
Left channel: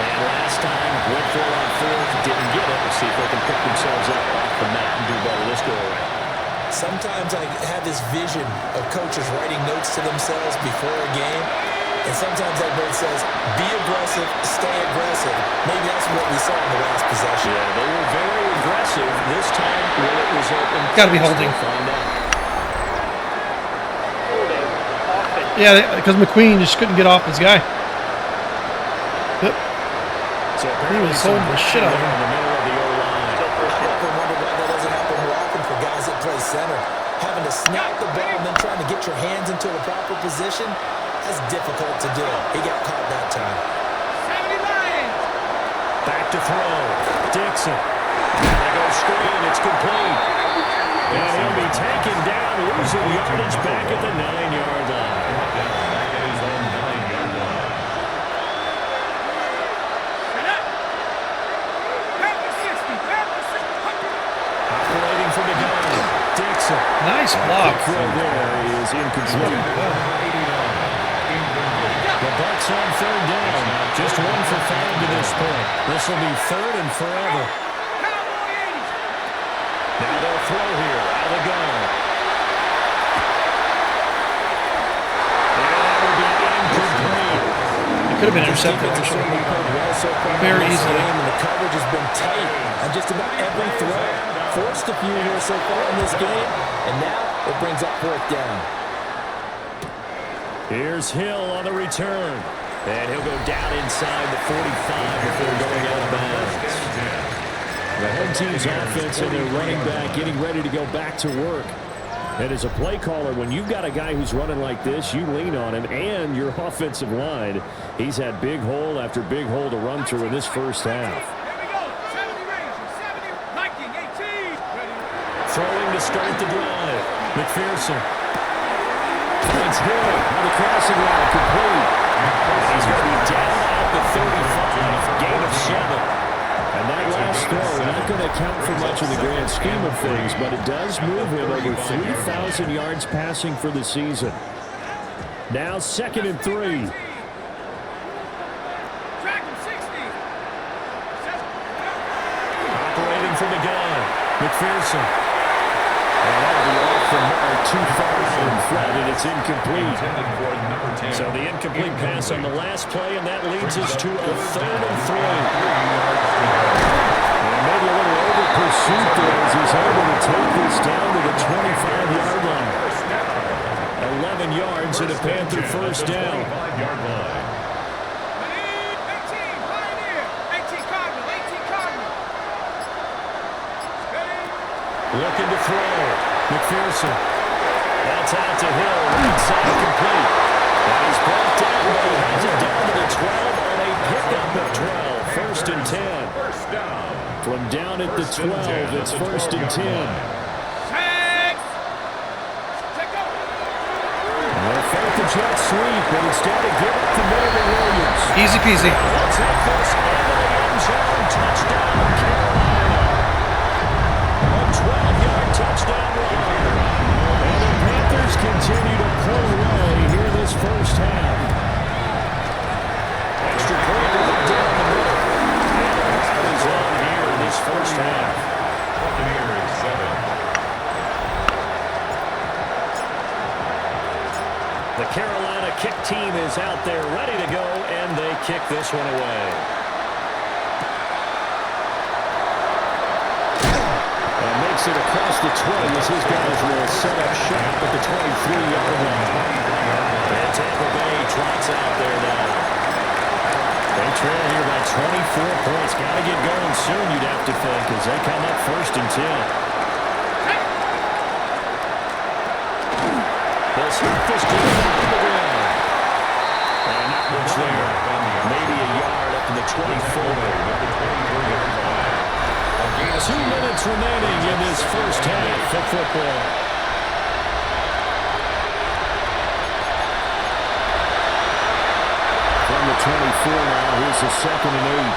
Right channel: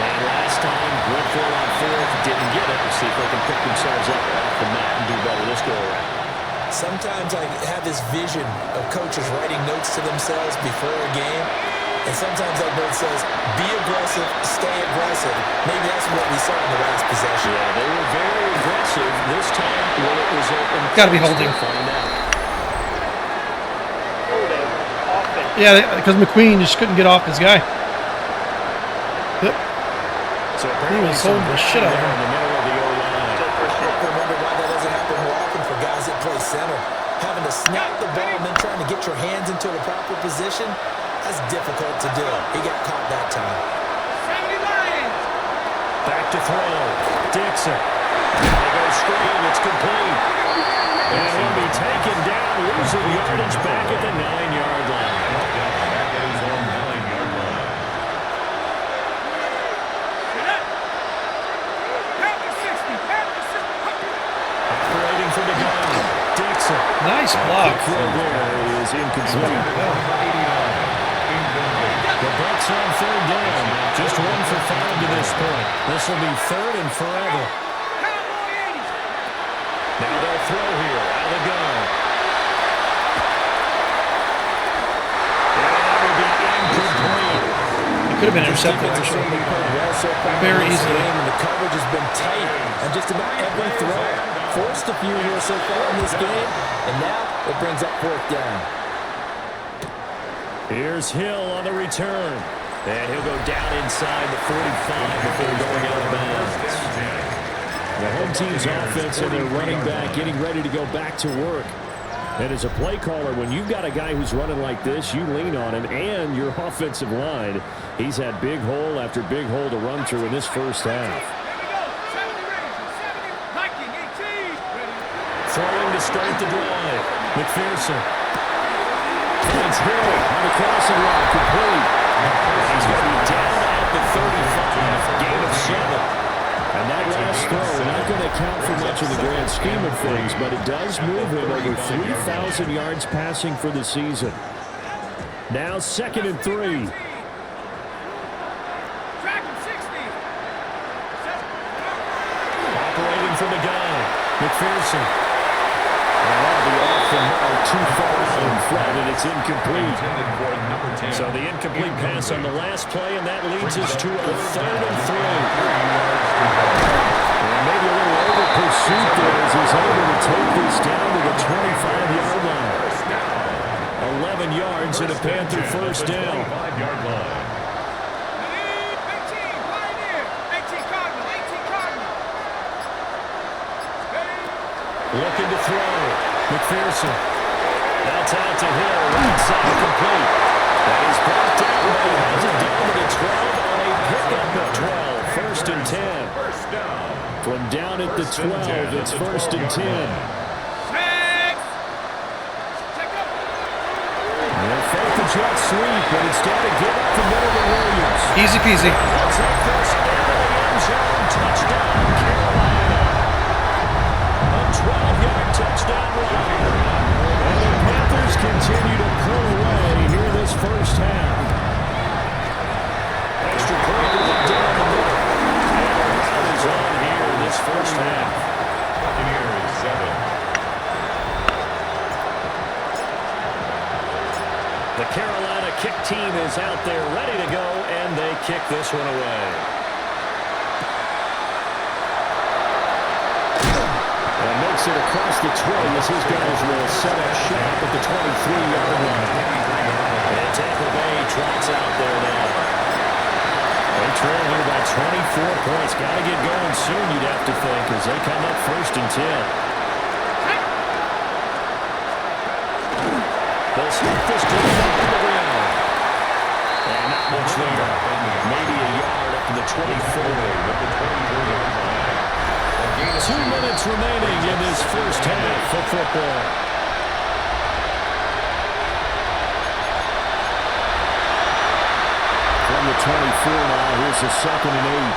And last time, went for it on 4th, didn't get it. We'll see if they can pick themselves up off the mat and do better this go-around. Sometimes I have this vision of coaches writing notes to themselves before a game. And sometimes that note says, be aggressive, stay aggressive. Maybe that's what we saw in the last possession. Yeah, they were very aggressive. This time, will it result in... Gotta be holding. We'll find out. Yeah, because McQueen just couldn't get off his guy. Yep. So He was holding the shit out of in him. the middle of the O-line. I've often wondered why that doesn't happen more often for guys that play center. Having to snap the ball and then trying to get your hands into the proper position, that's difficult to do. He got caught that time. 70 Lions. Back to throw. Dixon. They go screen. It's complete. And he'll be taken down, losing yardage back at the 9-yard line. Brought down back at his own 9-yard line. Operating from the gun, Dixon. Nice block. The throw there is incomplete. The Bucs on third down. Just 1 for 5 to this point. This will be third and forever. Now they'll throw here out of the gun. And that will be incomplete. It could have been intercepted, actually. Very easily. And the coverage has been tight on just about every throw. Forced a few here so far in this game, and now it brings up fourth down. Here's Hill on the return. And he'll go down inside the 45 before going out of bounds. The home team's offense and their running back getting ready to go back to work. And as a play caller, when you've got a guy who's running like this, you lean on him and your offensive line. He's had big hole after big hole to run through in this first half. Throwing to start the drive. McPherson finds Hill on the crossing route, complete. And he's going to be down at the 35, gain of 7. And that last throw, not going to account for much in the grand scheme of things, but it does move him over 3,000 yards passing for the season. Now 2nd and 3. Operating from the gun, McPherson. And that'll be off the mark, too far out in front, and it's incomplete. So the incomplete pass on the last play, and that leads us to a 3rd and 3. And maybe a little over pursuit there as he's able to take this down to the 25-yard line. 11 yards and a Panther first down. 5-yard line. 18, Pioneer. 18 Cardinal, 18 Cardinal. Looking to throw. McPherson. That's out to Hill. Right side complete. That is brought down, but he has it down to the 12 on a pickup of 12. 1st and 10. First down. From down at the 12, it's 1st and 10. They'll fake the jet sweep, but instead of give up the middle to Williams. Easy peasy. He'll take this into the end zone. Touchdown, Carolina. A 12-yard touchdown run. And the Panthers continue to pull away here this first half. Extra point right down the middle. And the crowd is on here this first half. Buccaneers 7. The Carolina kick team is out there ready to go, and they kick this one away. And makes it across the 20 as his guys will set up shop at the 23-yard line. And Tampa Bay trots out there now. They trail here by 24 points. Got to get going soon, you'd have to think, as they come up 1st and 10. They'll start this drive on the ground. And not much there. Maybe a yard up to the 24. 2 minutes remaining in this first half of football. From the 24 now, here's the 2nd and 8.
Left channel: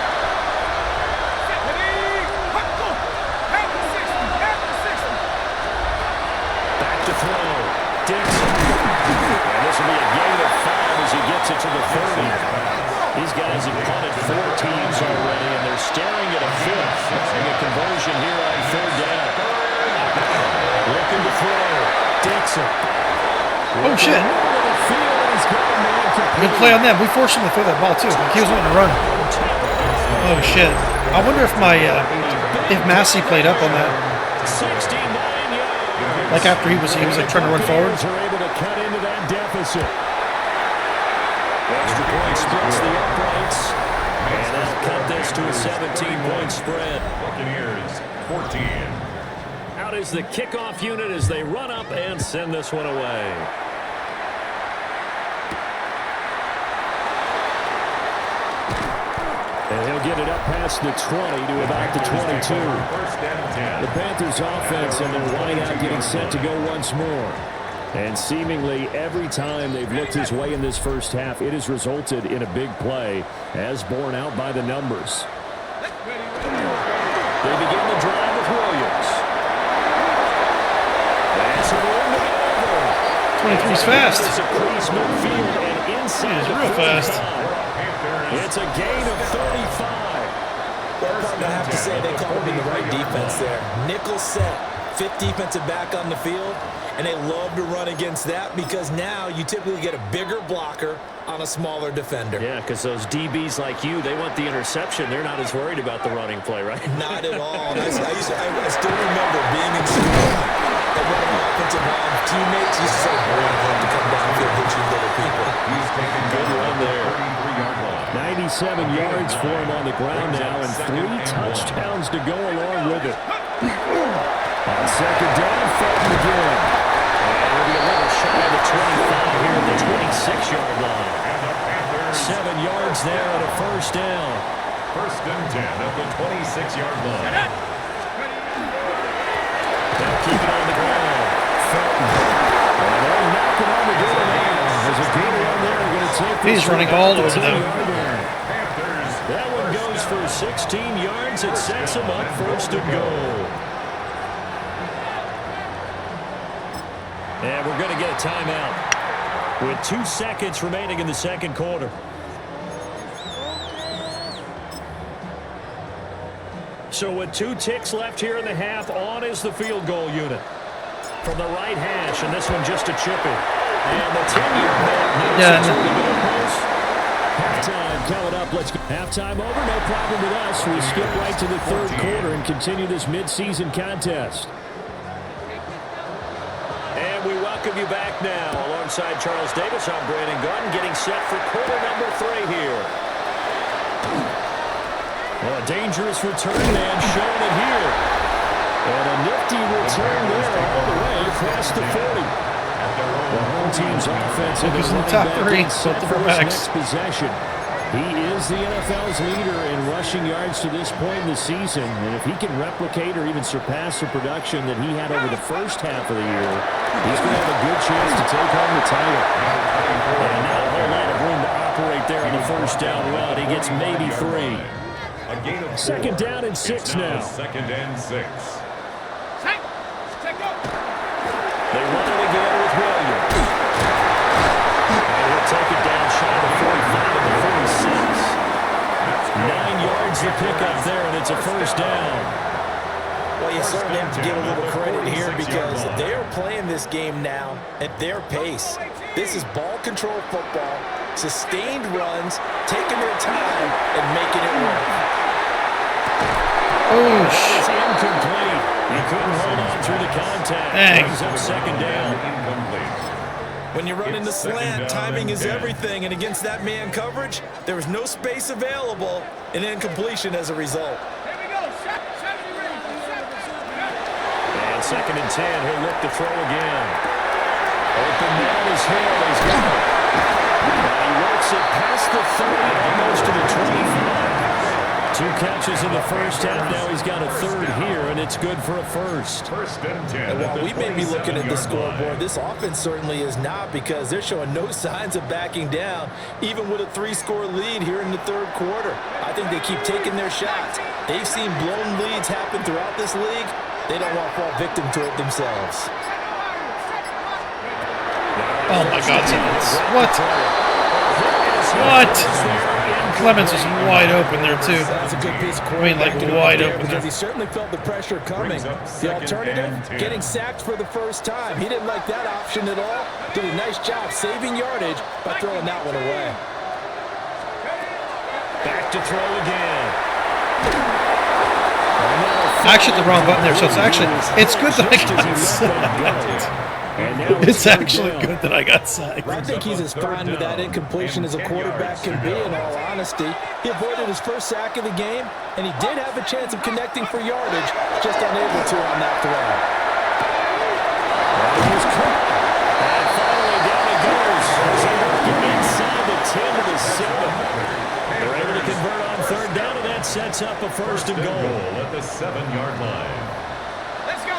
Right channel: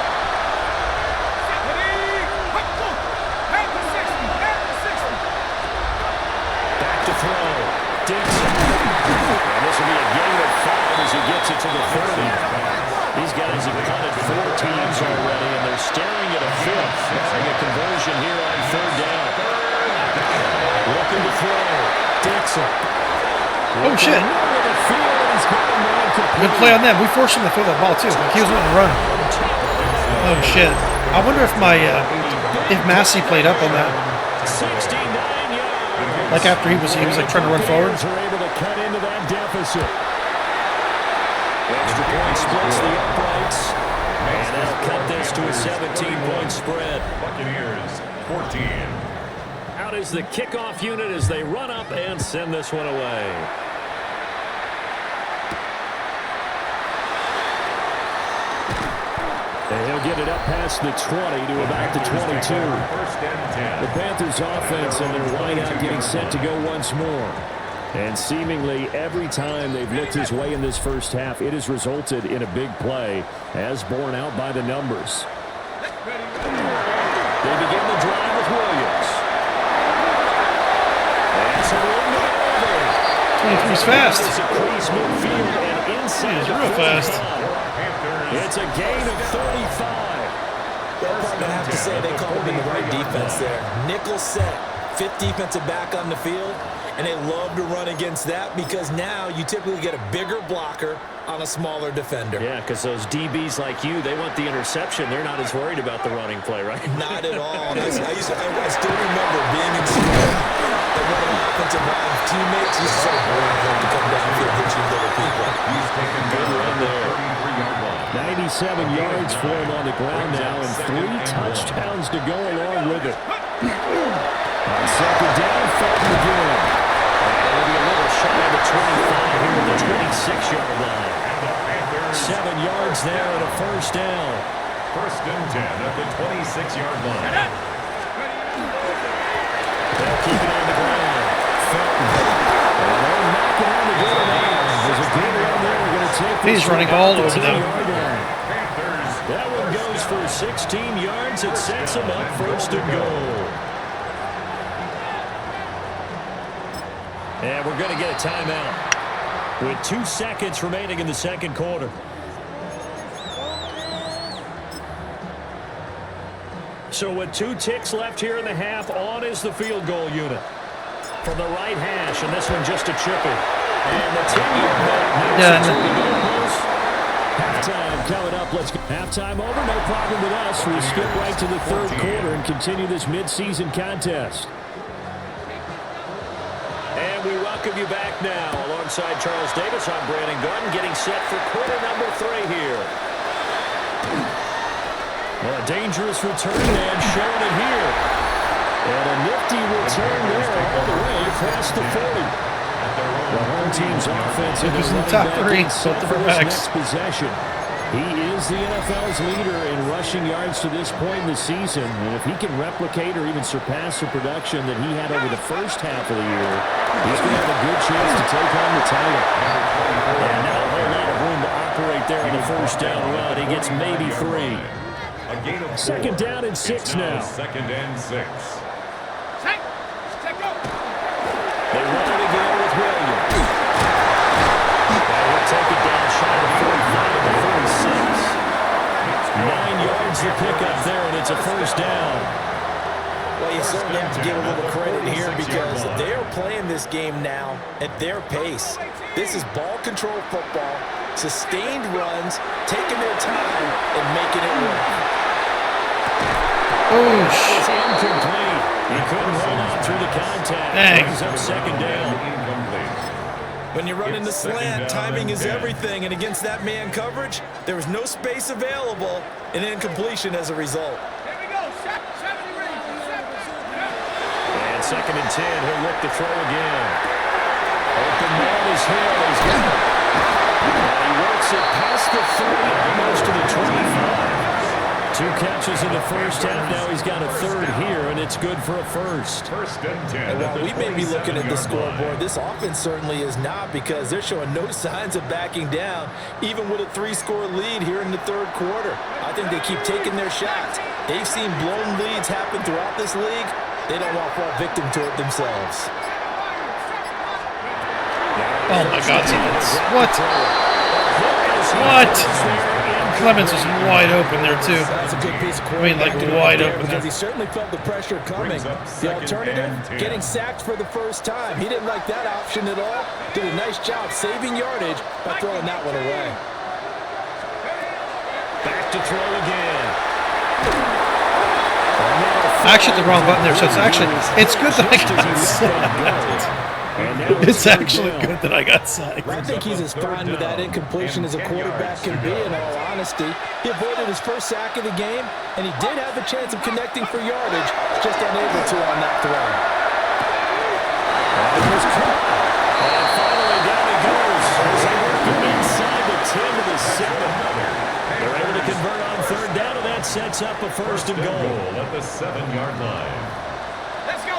Back to throw. Dixon. And this will be a gain of 5 as he gets it to the 30. These guys have punted 4 teams already, and they're staring at a 5th. Trying a conversion here on 3rd down. Looking to throw. Dixon. Oh, shit. Good play on them. We forced him to throw that ball, too. Like he was wanting to run. Oh, shit. I wonder if if Massey played up on that. 69 yards. Like after he was like trying to run forward. Are able to cut into that deficit. Extra point splits the uprights. And that'll cut this to a 17-point spread. Buccaneers 14. Out is the kickoff unit as they run up and send this one away. And he'll get it up past the 20 to about the 22. The Panthers offense and their wideout getting set to go once more. And seemingly every time they've looked his way in this first half, it has resulted in a big play, as borne out by the numbers. They begin the drive with Williams. And some room to maneuver. 23's fast. It's a crease midfield and inside He's real fast. It's a gain of 35. Well, partner, I have to say they called him in the right defense there. Nickel set, fifth defensive back on the field, and they love to run against that because now you typically get a bigger blocker on a smaller defender. Yeah, because those DBs like you, they want the interception. They're not as worried about the running play, right? Not at all. And I still remember being in school that one of my offensive line teammates used to say, "Boy, home to come downfield and hit you little people." He's taken Good run there. 33-yard line. 97 yards for him on the ground now, and 3 touchdowns to go along with it. On second down, Felton again. And it'll be a little shy of the 25 here at the 26-yard line. 7 yards there and a first down. First and 10 at the 26-yard line. They'll keep it on the ground. Felton. And they're knocking on the door now. There's a good one there. Going to take He's running all over them. That one goes for 16 yards. It sets him up first and goal. And we're going to get a timeout with 2 seconds remaining in the second quarter. So with 2 ticks left here in the half, on is the field goal unit. From the right hash, and this one just a chippy. And the 10-yard mark. Yeah. Halftime coming up. Let's go. Halftime over. No problem with us. We skip right to the third quarter and continue this midseason contest. And we welcome you back now. Alongside Charles Davis, I'm Brandon Gordon, getting set for quarter number 3 here. Well, a dangerous return man showing it here. And a nifty return there all the way across the 40. The home team's offense in the running top back 3 set for his next possession. He is the NFL's leader in rushing yards to this point in the season. And if he can replicate or even surpass the production that he had over the first half of the year, he's going to have a good chance to take home the title. And not a whole lot of room to operate there on the first down run. He gets maybe 3. Second down and 6 now. Second and 6. They run it again with Williams. And he'll take it down shy of the 45 to the 46. 9 yards to pick up there, and it's a first down. Well, you certainly have to give a little credit here because they are playing this game now at their pace. This is ball control football, sustained runs, taking their time, and making it work. Oh, It's incomplete. He couldn't hold on through the contact. Dang. Brings up second down. When you run in the slant, timing is everything, and against that man coverage, there was no space available, and incompletion as a result. Here we go. 70 rings. And second and 10, he'll look to throw again. Open man is Hill. He's got it. And he works it past the 30, almost to the 25. 2 catches in the first half. Now he's got a third here, and it's good for a first. First and 10. And while we may be looking at the scoreboard, this offense certainly is not because they're showing no signs of backing down, even with a 3-score lead here in the third quarter. I think they keep taking their shots. They've seen blown leads happen throughout this league. They don't want to fall victim to it themselves. Oh, my God, Simmons. What? What? Clemens was wide open there, too. That's a good piece of like wide open because there. he certainly felt the pressure coming. The alternative, getting sacked for the first time. He didn't like that option at all. Did a nice job saving yardage by throwing that one away. Back to throw again. I actually hit the wrong button there, so it's good that I got sacked. It's actually good that I got sacked. I think he's as fine with that incompletion as a quarterback can be, in all honesty. He avoided his first sack of the game, and he did have a chance of connecting for yardage, just unable to on that throw. And he was caught. And finally down he goes as they work it inside the 10 to the 7. They're able to convert on third down. that sets up a first and goal. At the 7-yard line. Let's go.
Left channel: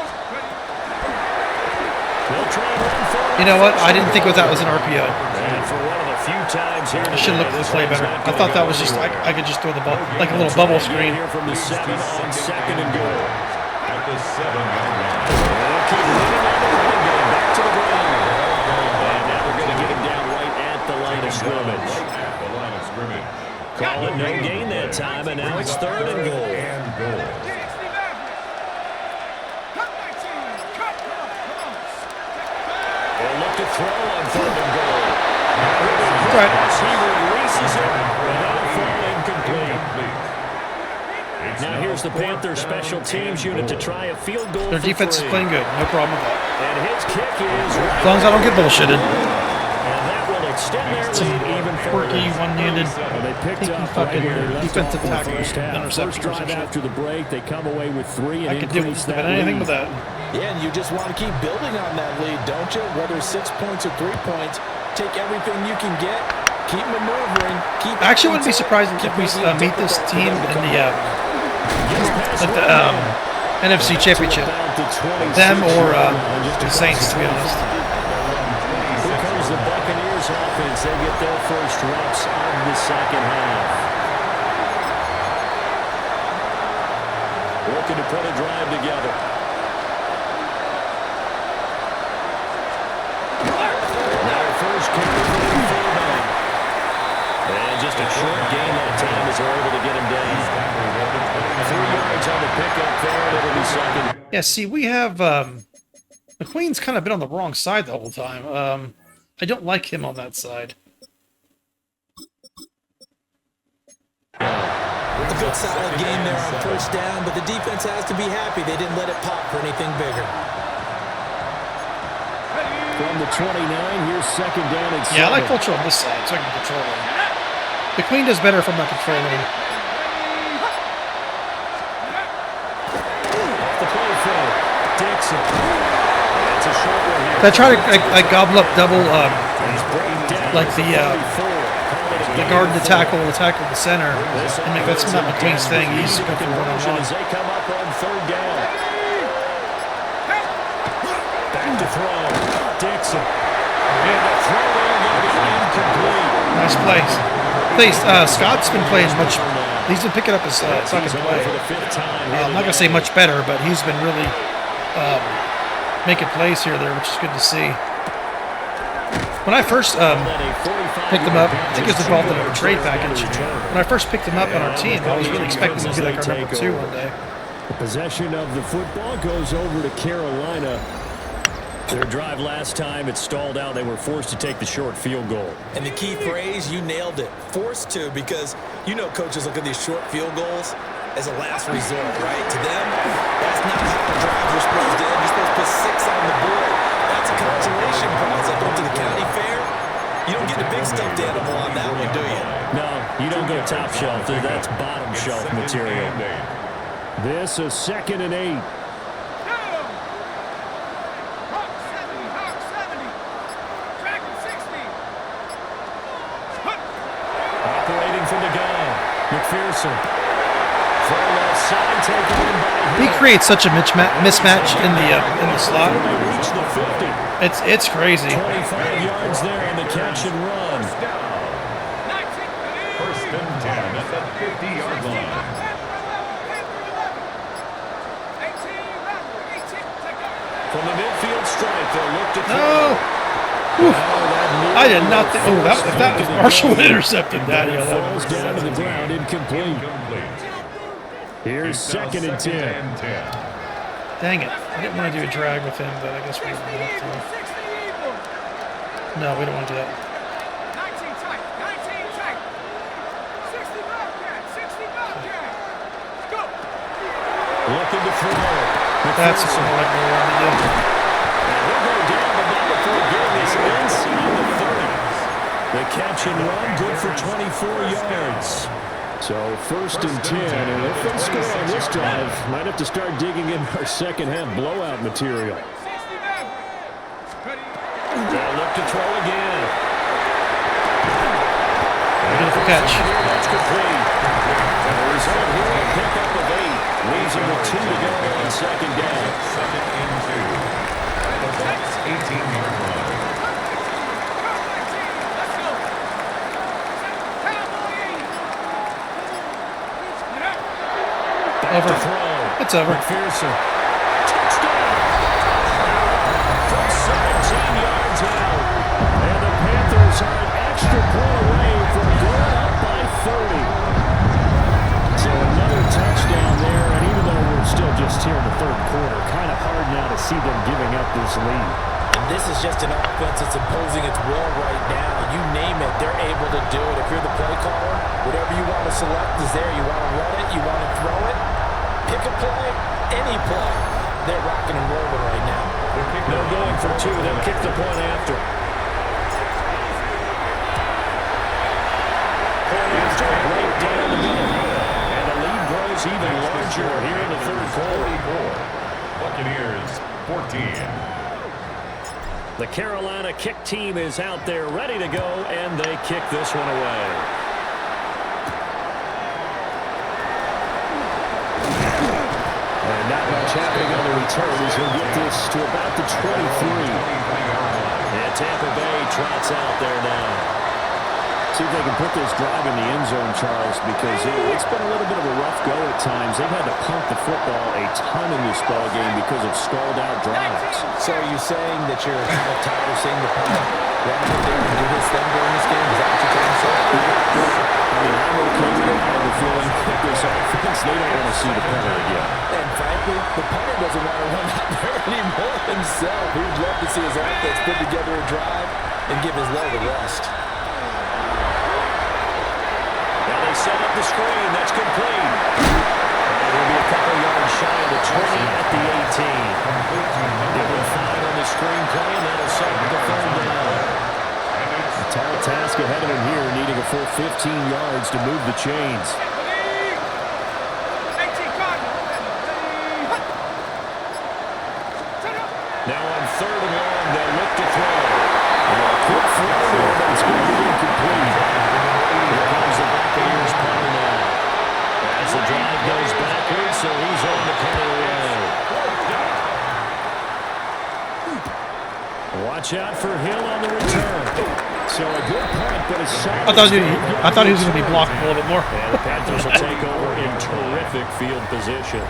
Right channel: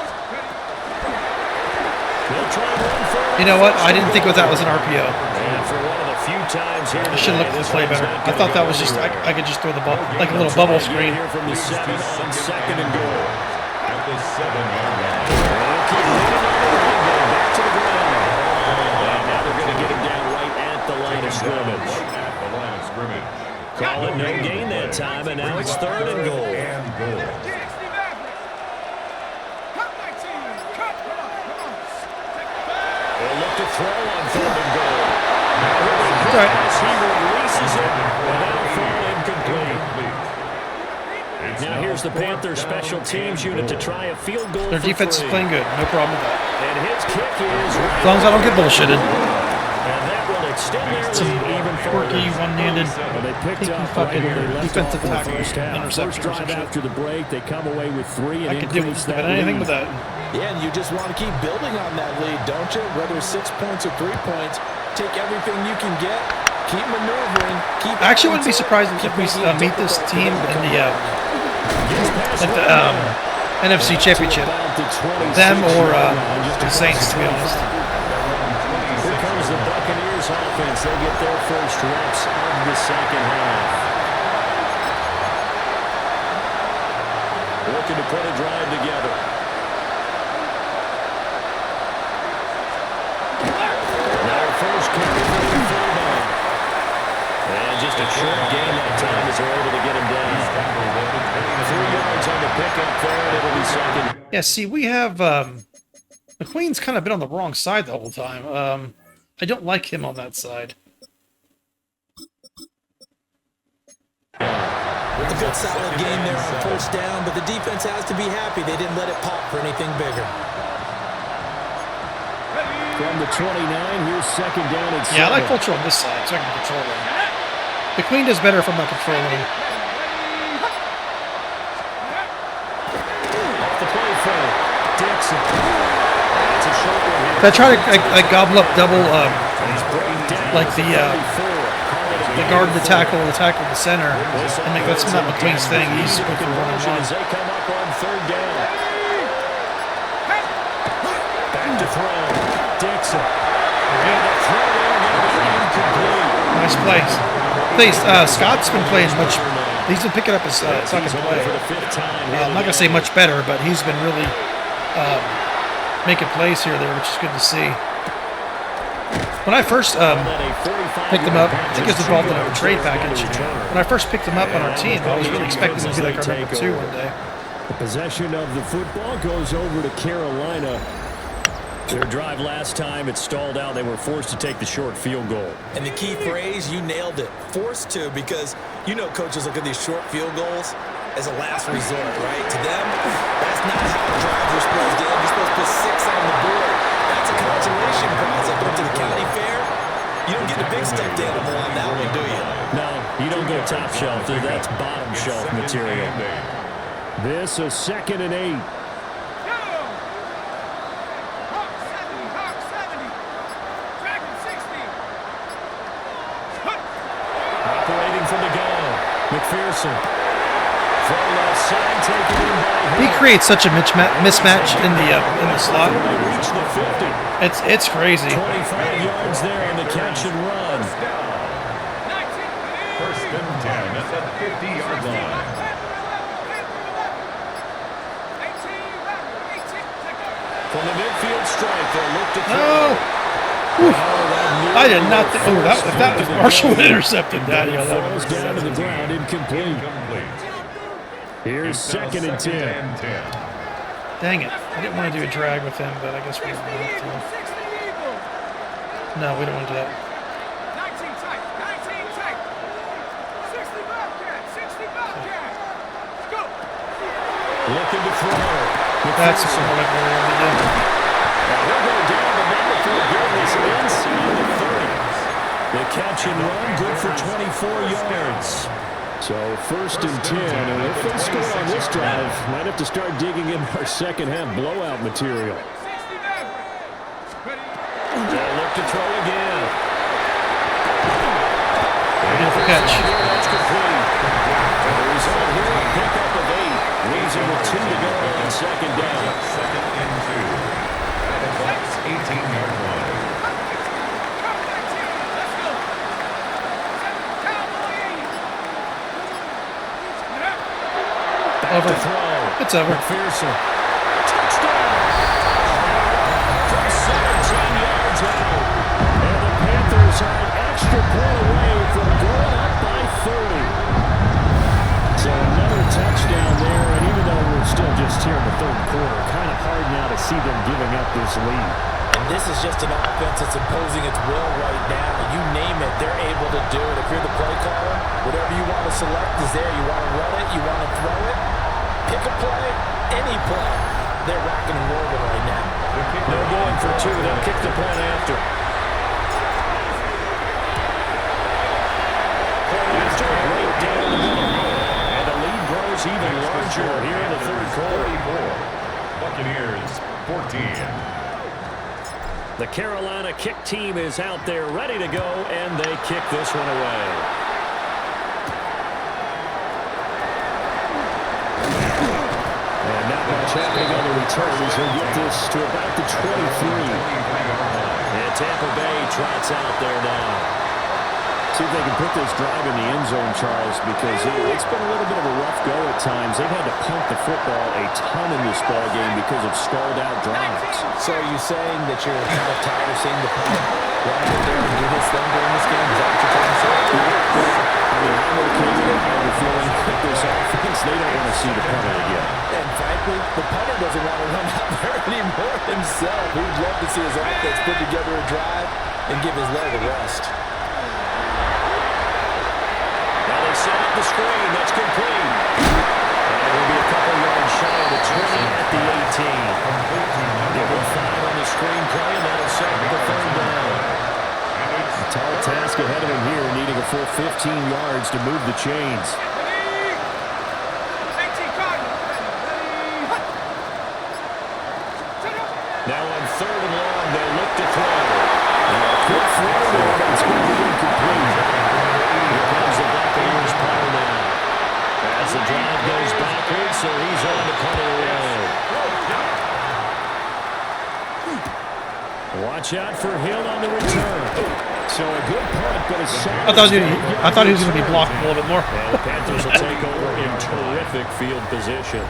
They'll try and run for it. You know what? I didn't think that was an RPO. And for one of the few times here I should look at the play better. I thought that was just, I could just throw the ball, like a little bubble screen. Here from the 7 on second and goal. At the 7-yard line. They'll keep leading on the running game. Back to the ground. And now they're going to get him down right at the line of scrimmage. Right at the line of scrimmage. Call it no gain that time, and now it's third and goal. Cut 19. Cut. Come on. They'll look to throw on third and goal. That's right. As he releases it, and that'll fall incomplete. Now here's the Panthers special teams unit to try a field goal. Their defense is playing good. No problem with that. And his kick is right. As long as I don't get bullshitted. And that will extend their Some lead even further. quirky, one-handed, Well, they picked taking up fucking right where they left defensive off in the tackle first half. interception First or drive some shit. after the break, they come away with 3 and I could do increase with that anything lead. with that. Yeah, and you just want to keep building on that lead, don't you? Whether it's 6 points or 3 points, take everything you can get, keep maneuvering, keep. I actually wouldn't be surprised if we meet this team in the NFC Championship. Them or the Saints, to be honest. Here comes the Buccaneers offense. They get their first reps of the second half. Looking to put a drive together. Now first carry for the fullback. And just a short gain that time as they're able to get him down. 3 yards on the pickup there, and it'll be second. Yeah, see, we have McQueen's kind of been on the wrong side the whole time. I don't like him on that side. A good solid game there on first down, but the defense has to be happy they didn't let it pop for anything bigger. From the 29, here's second down and 7. Yeah, I like culture on this side, so I can control him. McQueen does better if I'm not controlling him. Off the play fake. Dixon. It's a short one here. I try to gobble up double, He's brought down like the guard and the tackle and the center. And that's not McQueen's thing. He's good for one-on-one. As they come up on third down. Back to throw. Dixon. And the throw there going to be incomplete. Nice plays. Please, Scott's been playing much. He's been picking up his second play. For the 5th time. I'm not gonna say much better, but he's been really making plays here there, which is good to see. When I first picked him up, I think he was involved in a trade package. When I first picked him up on our team, I was really expecting him to be like our number 2 one day. The possession of the football goes over to Carolina. Their drive last time, it stalled out. They were forced to take the short field goal. And the key phrase, you nailed it. Forced to, because you know coaches look at these short field goals as a last resort, right? To them, that's not how drives are supposed to end. You're supposed to put 6 on the board. That's a consolation prize. Like going to the county fair, you don't get the big stuffed animal on that one, do you? No, you don't go top shelf. That's bottom shelf material. This is second and 8. Hawk 70. Dragon 60. Operating from the gun. McPherson. Throw left side, taken in by He Hill. creates such a mismatch in the slot. They reach the 50. It's crazy. 25 yards there on the catch and run. First down. 19. First and 10 at the 50-yard line. 18. From the midfield strike, they'll look to throw. No. Oof. I did not think. Oh, if that was Marshall would intercepted that. Yeah, that Falls down to the ground, incomplete. Incomplete. Here's It's now second and 10. and 10. Dang it. I didn't want to do a drag with him, but I guess we don't have to. 60 Eagles. No, we don't want to do that. 19 tight. 19 tight. 60 Bobcat. 60 Bobcat. Let's go. Looking to throw. That's McPherson. more like what we want to do. And he'll go down, but not before getting this inside the 30s. The catch and run, good for 24 yards. So first and 10, and if they score on this drive, might have to start digging in our second half blowout material. 60 Maverick. Ready. They'll look to throw again. There Beautiful catch. That's complete. And the result here, a pickup of 8. Leaves him with 2 to go on second down. Second and 2. At the Bucs 18-yard line. Let's go. Cowboy 80. Over. To throw. It's over. McPherson. Touchdown. From 17 yards out. And the Panthers are an extra point away from going up by 30. So another touchdown there. And even though we're still just here in the third quarter, kind of hard now to see them giving up this lead. And this is just an offense that's imposing its will right now. You name it, they're able to do it. If you're the play caller, whatever you want to select is there. You want to run it, you want to throw it, pick a play, any play. They're rocking and rolling right now. They're going for 2. They'll kick the point after. Point after, right down the middle. And the lead grows even larger here in the third quarter. Buccaneers 14. The Carolina kick team is out there ready to go, and they kick this one away. And not much happening on the return as he'll get this to about the 23. And Tampa Bay trots out there now. See if they can put this drive in the end zone, Charles, because it's been a little bit of a rough go at times. They've had to punt the football a ton in this ball game because of stalled out drives. So are you saying that you're kind of tired of seeing the punter run out there and do his thing during this game? Is that what you're trying to say? I mean, I'm okay with it. I have a feeling that this offense, they don't want to see the punter again. And frankly, the punter doesn't want to run out there anymore himself. He would love to see his offense put together a drive and give his leg a rest. Now they set up the screen. That's complete. And it'll be a couple yards shy of the 20 at the 18. Give him 5 on the screen play, and that'll set up the third down. A tall task ahead of him here, needing a full 15 yards to move the chains. Now on third and long, they'll look to throw. Now a quick throw there, but it's going to be incomplete. Here comes the Buccaneers punter now. As the drive goes backwards, so he's on to punt it away. Watch out for Hill on the return. So a good punt, but a shot. I thought he was going to be blocked a little bit more. And the Panthers will take over in terrific field position.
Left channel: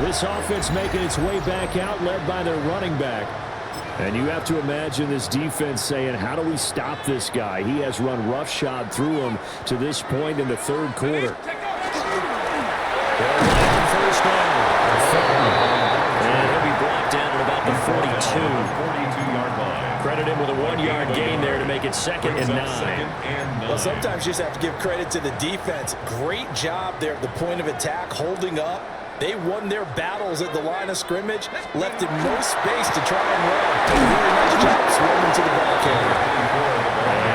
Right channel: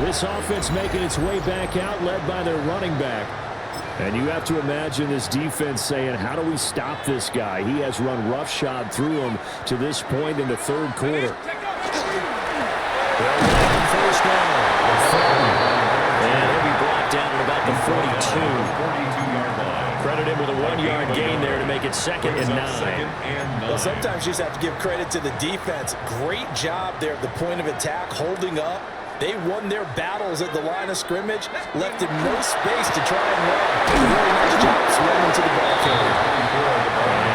This offense making its way back out, led by their running back. And you have to imagine this defense saying, how do we stop this guy? He has run roughshod through him to this point in the third quarter. First down. And he'll be brought down at about the 42-yard line. Credit him with a 1-yard gain there to make it 2nd and 9. Well, sometimes you just have to give credit to the defense. Great job there at the point of attack, holding up. They won their battles at the line of scrimmage, left him no space to try and run. Really nice job swimming to the ball carrier.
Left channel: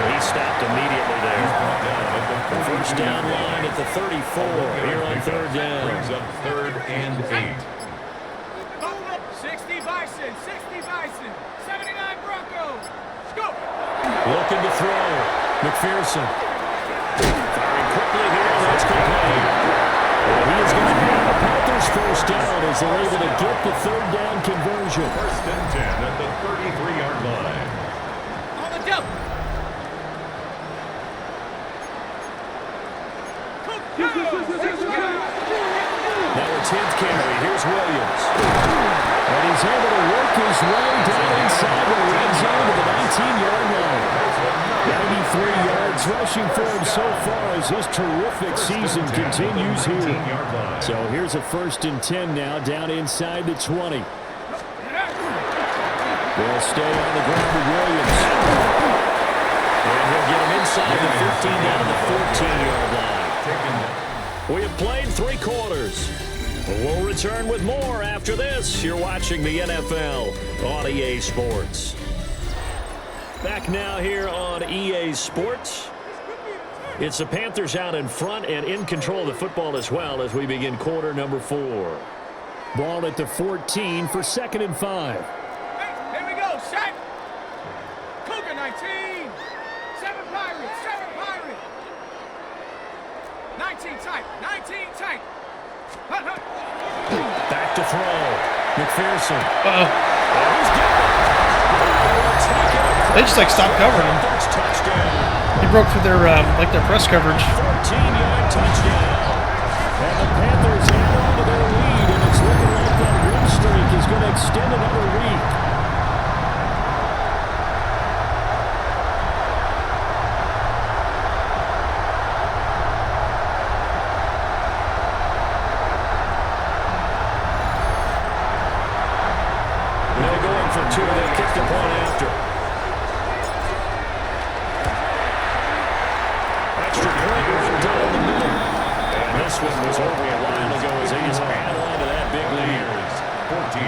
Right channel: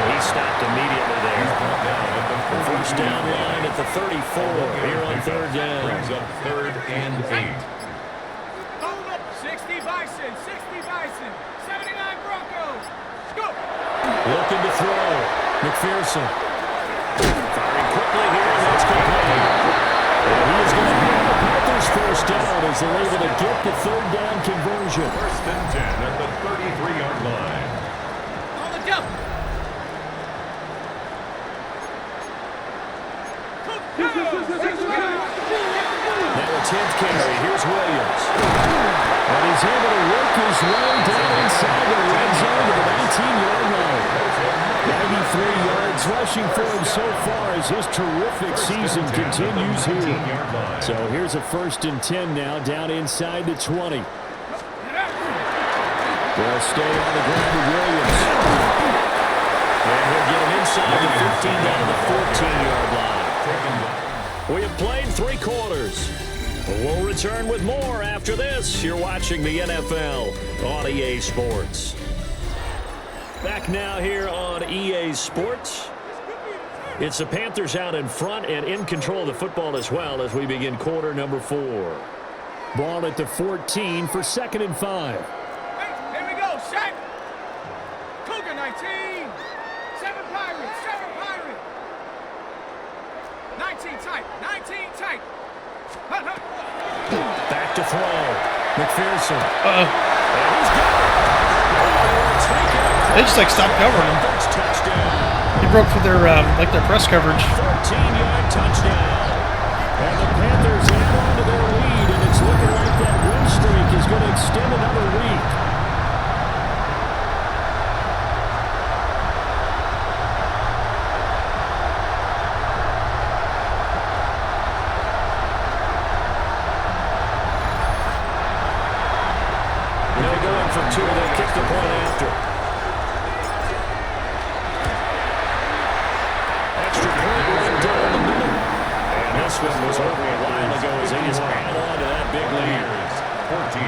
And he stopped immediately there. The first down line at the 34 here on third down. Brings up 3rd and 8. 60 Bison, 60 Bison, 79 Broncos. Go! Looking to throw. McPherson. Firing quickly here. That's complete. And he is going to have the Panthers first down as they're able to get the third down conversion. 1st and 10 at the 33-yard line. On the jump. Now a 10th carry. Here's Williams. And he's able to work his way down inside the red zone to the 19-yard line. 93 yards rushing for him so far as his terrific season continues here. So here's a 1st and 10 now down inside the 20. They'll stay on the ground with Williams. And he'll get him inside the 15 down to the 14-yard line. We have played 3 quarters. We'll return with more after this. You're watching the NFL on EA Sports. Back now here on EA Sports. It's the Panthers out in front and in control of the football as well as we begin quarter number 4. Ball at the 14 for 2nd and 5. Hey, here we go, set. Cougar 19. 7 Pirates, 7 Pirates. 19 tight. 19 tight. Hut, hut. Back to throw. McPherson. Uh-oh. And he's got it. They just like stopped covering him. Panthers touchdown. He broke through their their press coverage. 14-yard touchdown. And the Panthers add on to their lead, and it's looking like that win streak is going to extend another week. They'll go in for two. They'll kick the point after. Extra point right down the middle. And this one was over a while ago as they just add on to that big lead. 14.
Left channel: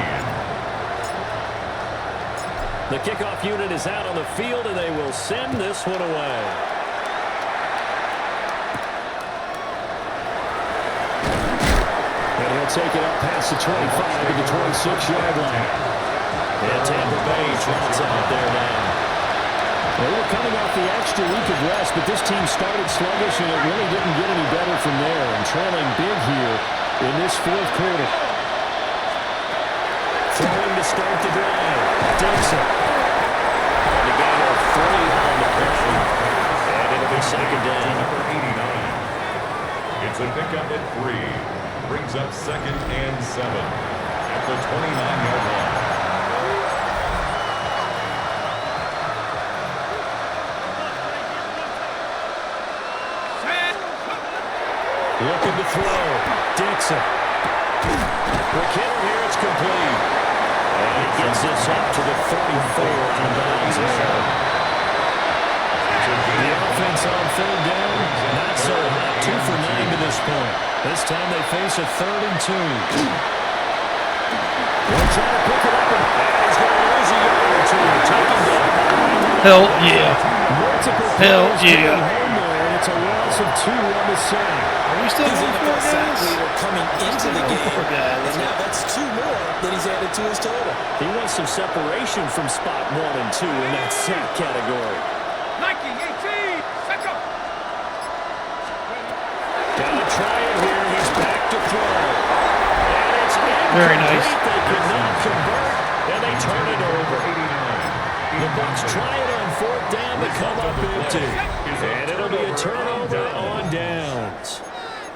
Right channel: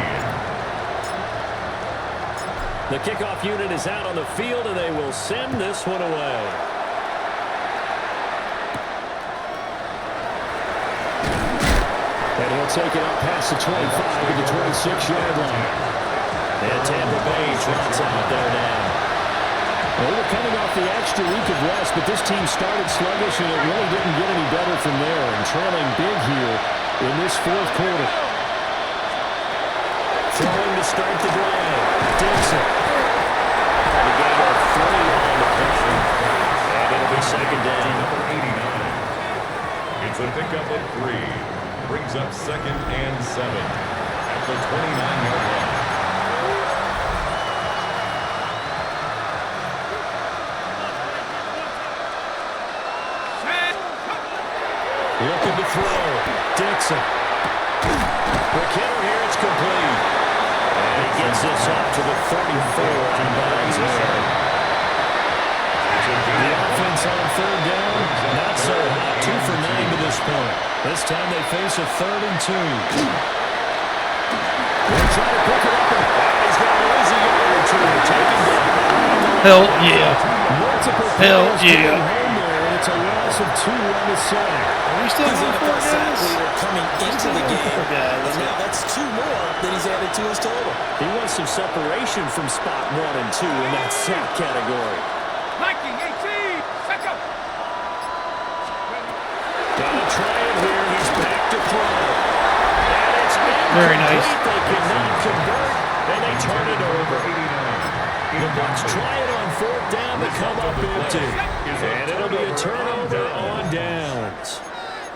The kickoff unit is out on the field, and they will send this one away. And he'll take it up past the 25 to the 26-yard line. And Tampa Bay trots out there now. Well, we're coming off the extra week of rest, but this team started sluggish, and it really didn't get any better from there, and trailing big here in this fourth quarter. Throwing to start the drive. Dixon. And a gain of 3 on the play. And it'll be second down. Number 89. It's a pickup of 3. Brings up second and 7 at the 29-yard line. Looking to throw. Dixon. McKinnon here, it's complete. And he gets this up to the 34 out of bounds there. The offense on third down, not so hot. 2 for 9 to this point. This time they face a 3rd and 2. They'll try to pick it up, and he's going to lose a yard or two. Taken down. Hell yeah. Multiple Hell players getting yeah. home there, and it's a loss of 2 on the sack. Are we still He's going NFL for sack guys? leader coming into the game, for guys. and now that's 2 more that he's added to his total. He wants some separation from spot 1 and 2 in that sack category. Nike 18. Set go. Gotta try it here. He's back to throw. And it's incomplete. Very nice. They cannot convert, and they turn it over. The Bucs try it on 4th down to come up empty. And it'll be a turnover on downs.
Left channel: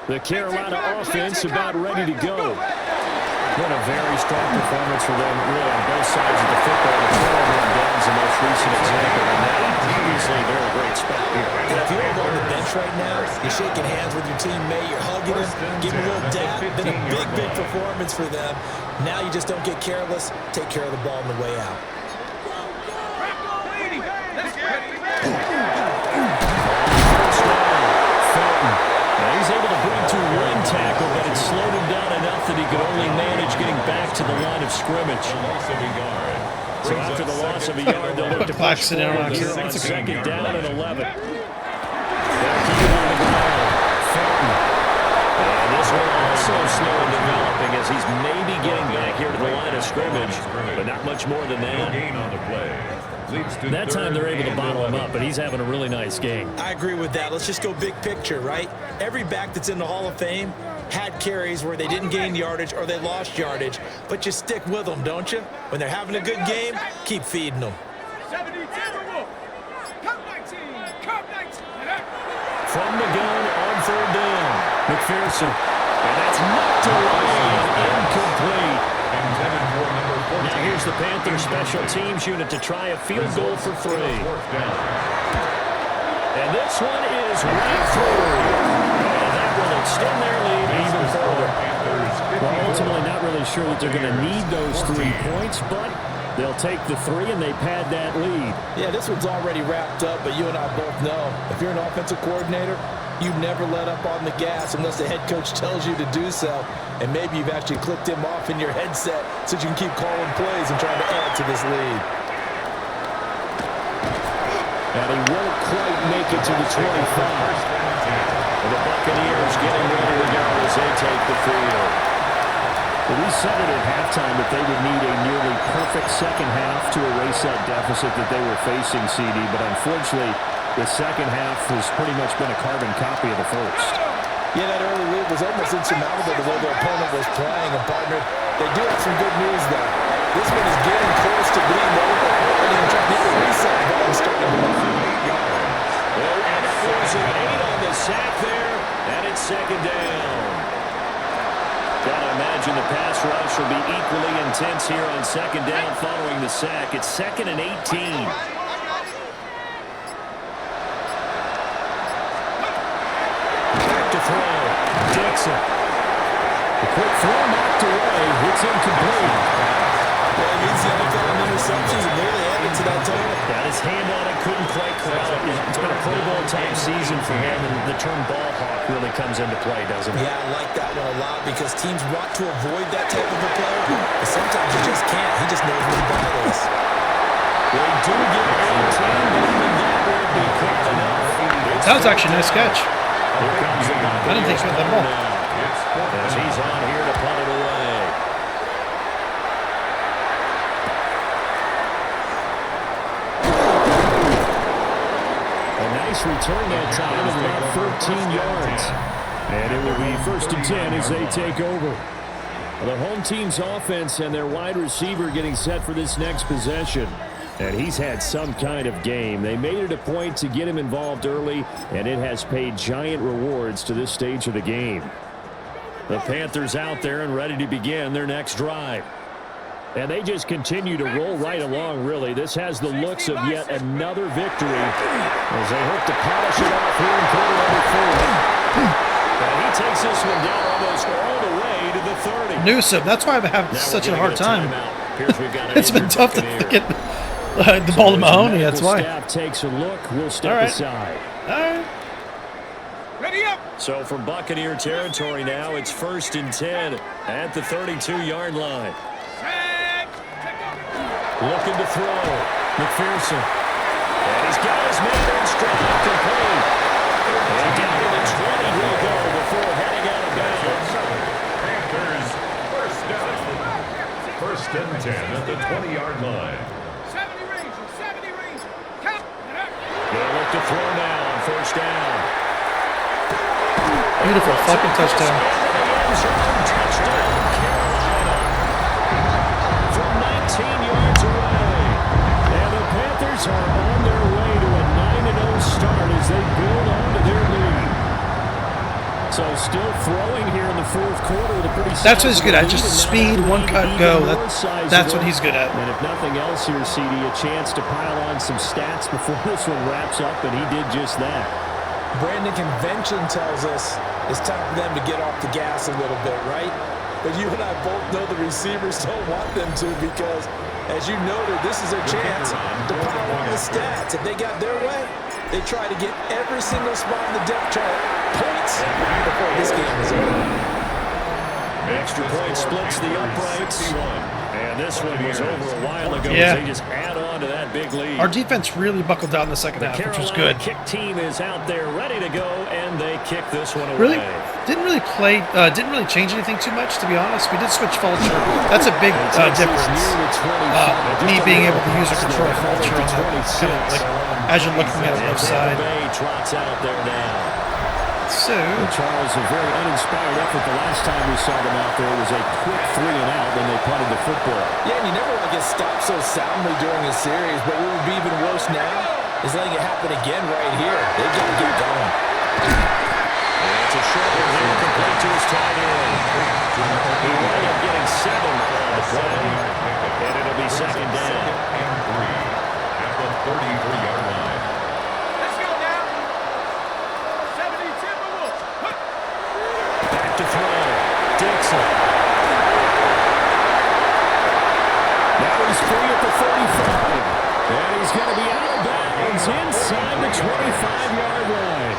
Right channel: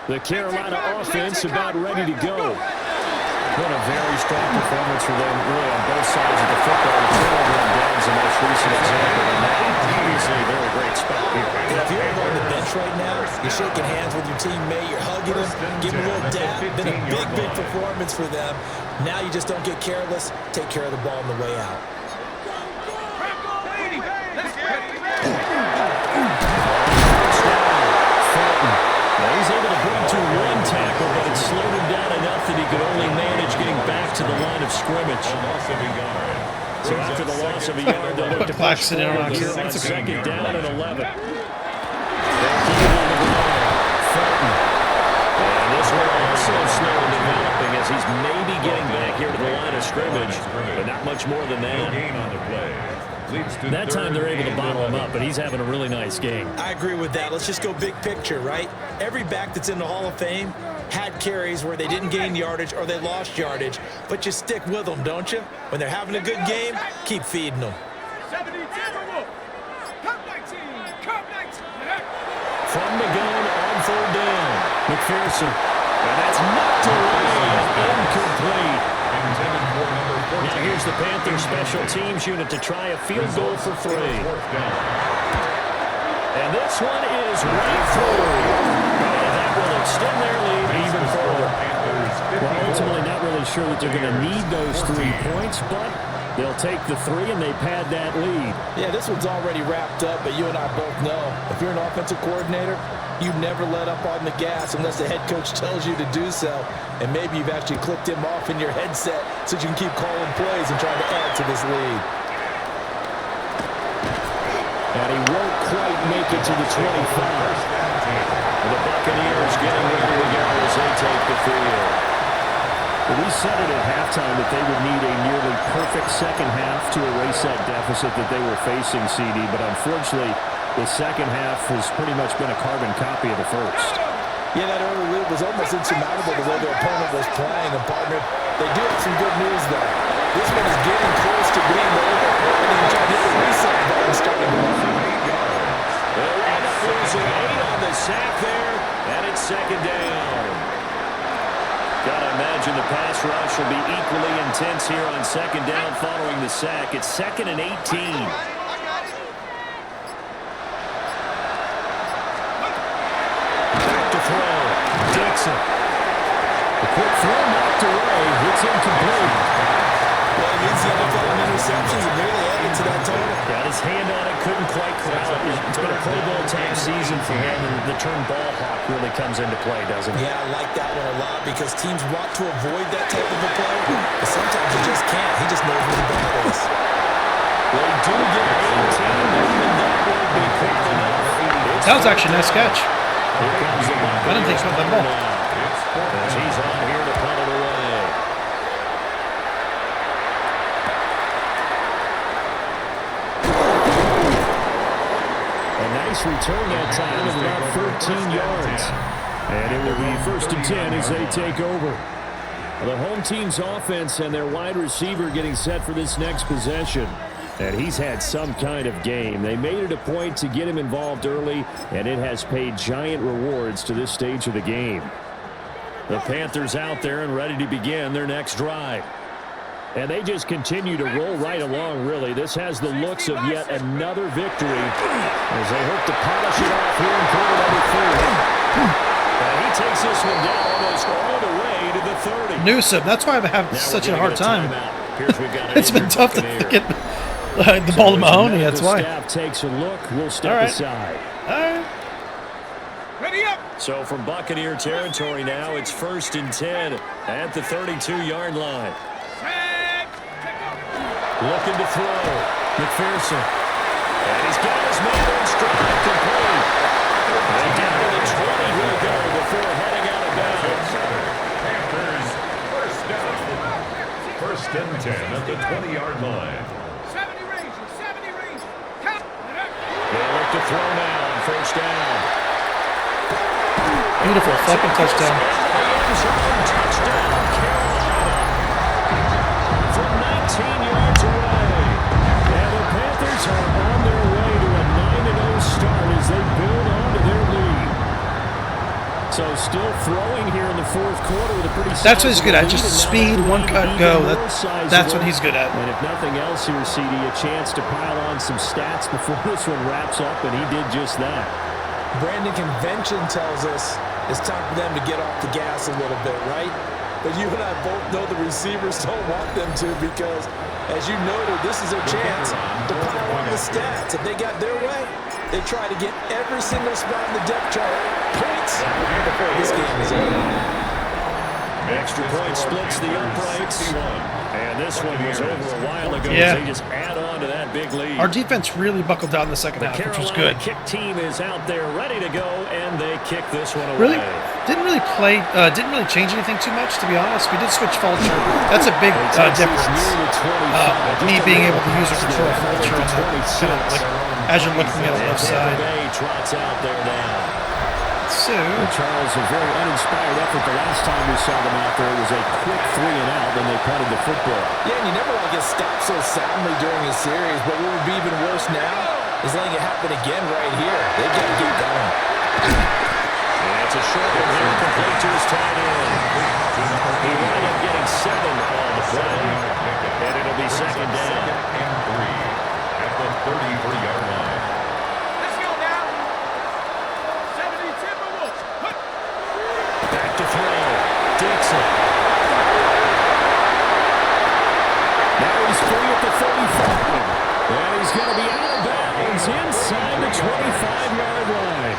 The Carolina offense about ready to go. Been a very strong performance for them, really, on both sides of the football. The turnover on downs the most recent example, and that obviously they're in a great spot here. And if you're on the bench right now, you're shaking hands with your teammate, you're hugging him, giving him a little dap. Been a big, big performance for them. Now you just don't get careless. Take care of the ball on the way out. Let's get it. First down, Felton. Now he's able to bring to 1 tackle, but it slowed him down enough that he could only manage getting back to the line of scrimmage. A loss of a yard. So after the loss of a yard, they'll look to push Claxton in forward on here on that's a good 2nd yard. down and 11. They'll keep it on the ground. Felton. And this one also slow in developing as he's maybe getting back here to the line of scrimmage, but not much more than No that. gain on the play. Leads to That time they're able to 3rd bottle and him up, 11. but he's having a really nice game. I agree with that. Let's just go big picture, right? Every back that's in the Hall of Fame had carries where they didn't gain yardage or they lost yardage, but you stick with them, don't you? When they're having a good game, keep feeding them. 70 Timberwolf. Cup 19. Cup 19. From the gun on 3rd down, McPherson. And that's knocked away and incomplete. Intended for number 14. Now here's the Panthers special teams unit to try a field goal for 3. 4th down. And this one is right through. And that will extend their lead even further. Well, ultimately not really sure that they're going to need those 3 points, but they'll take the 3 and they pad that lead. Yeah, this one's already wrapped up, but you and I both know if you're an offensive coordinator, you never let up on the gas unless the head coach tells you to do so. And maybe you've actually clicked him off in your headset so you can keep calling plays and trying to add to this lead. And he won't quite make it to the 25. And the Buccaneers getting ready to go as they take the field. Well, we said it at halftime that they would need a nearly perfect second half to erase that deficit that they were facing, CD. But unfortunately, the second half has pretty much been a carbon copy of the first. Yeah, that early lead was almost insurmountable the way their opponent was playing. And, partner, they do have some good news, though. This one is getting close to being over. And even trying to hit the reset button starting to run. They'll wind up losing 8 on the sack there, and it's second down. Gotta imagine the pass rush will be equally intense here on second down following the sack. It's 2nd and 18. Back to throw. Dixon. The quick throw knocked away. It's incomplete. Well, he leads the NFL in interceptions and nearly added to that total. Got his hand on it, couldn't quite corral it. It's been a Pro Bowl type season for him, and the term ball hawk really comes into play, doesn't it? Yeah, I like that one a lot because teams want to avoid that type of a player, but sometimes you just can't. He just knows where the ball is. They do get 18, but even that won't be quite enough. That was actually a nice catch. Here comes the I didn't think he got that ball. As he's on here to punt it away. A nice return that time of about 13 yards. And it will be 1st and 10 as they take over. The home team's offense and their wide receiver getting set for this next possession. And he's had some kind of game. They made it a point to get him involved early, and it has paid giant rewards to this stage of the game. The Panthers out there and ready to begin their next drive. And they just continue to roll right along, really. This has the looks of yet another victory as they hope to polish it off here in quarter number 4. And he takes this one down almost all the way to the 30. Newsom, that's why I'm having such a hard time. It's been tough to get the ball to Mahoney, that's why. Staff takes a look. We'll step aside. All right. Ready up. So from Buccaneer territory now, it's 1st and 10 at the 32-yard line. Looking to throw. McPherson. And he's got his man in stride complete. And down to the 20 he'll go before heading out of bounds. Panthers, first down. 1st and 10 at the 20-yard line. 70 Rangers, 70 Rangers. Count it up. They'll look to throw now on 1st down. Beautiful fucking touchdown. Touchdown, Carolina. From 19 yards away. And the Panthers are on their way to a 9-0 start as they build on to their lead. So still throwing here in the 4th quarter with a pretty That's what he's good at. Just speed, one cut, go. That's what he's good at. And if nothing else here, CD, a chance to pile on some stats before this one wraps up, and he did just that. Brandon, convention tells us it's time for them to get off the gas a little bit, right? But you and I both know the receivers don't want them to because, as you noted, this is their chance to pile on the stats. If they got their way, they try to get every single spot in the depth chart points before this game is over. Extra point splits the uprights. And this one was over a while ago Yeah. as they just add on to that big lead. Our defense really buckled down in the second half, which was good. The kick team is out there ready to go, and they kick this one away. Really didn't really change anything too much, to be honest. We did switch Fulcher. That's a big difference. Me being able to use a control Fulcher on that kind of like as you're looking at the left side. Trots out there now. So Charles, a very uninspired effort the last time we saw them out there. It was a quick 3 and out, then they punted the football. Yeah, and you never want to get stopped so soundly during a series, but what would be even worse now is letting it happen again right here. They've got to get going. And it's a short one here, complete to his tight end. He wound up getting 7 on the play, and it'll be second down. And 3 at the 33-yard line. Let's go now. 70 Timberwolves. Back to throw. Dixon. Now he's free at the 35. And he's going to be out of bounds inside the 25-yard line.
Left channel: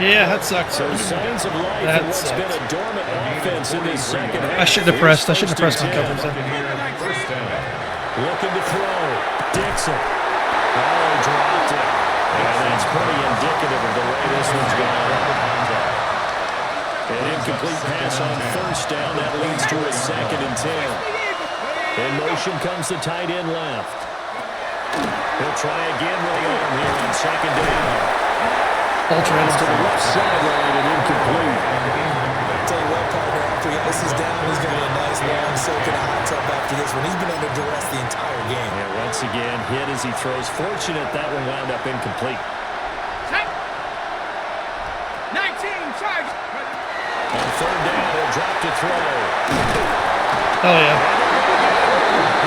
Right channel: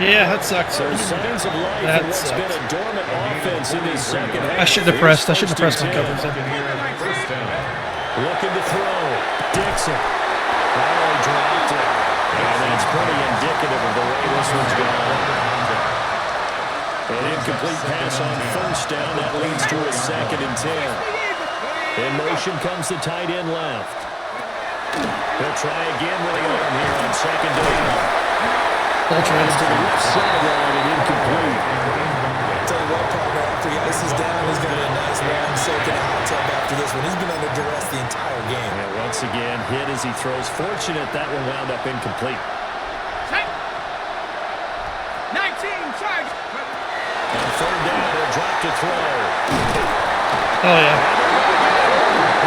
yeah, that sucks. So signs of life in what's been a dormant offense in this second half. I shouldn't have pressed my coverage there. First down. Looking to throw. Dixon. Oh, he dropped it. And that's pretty indicative of the way this one's gone. An incomplete pass on 1st down. That leads to a 2nd and 10. In motion comes the tight end left. He'll try again with the arm here on 2nd down. Ultra To the left sideline and incomplete. Tell you what, partner, after he ices down, he's going to be a nice long soak in a hot tub after this one. He's been under duress the entire game. Yeah, once again, hit as he throws. Fortunate that one wound up incomplete. 19 charge. On third down, he'll drop to throw. Oh, yeah.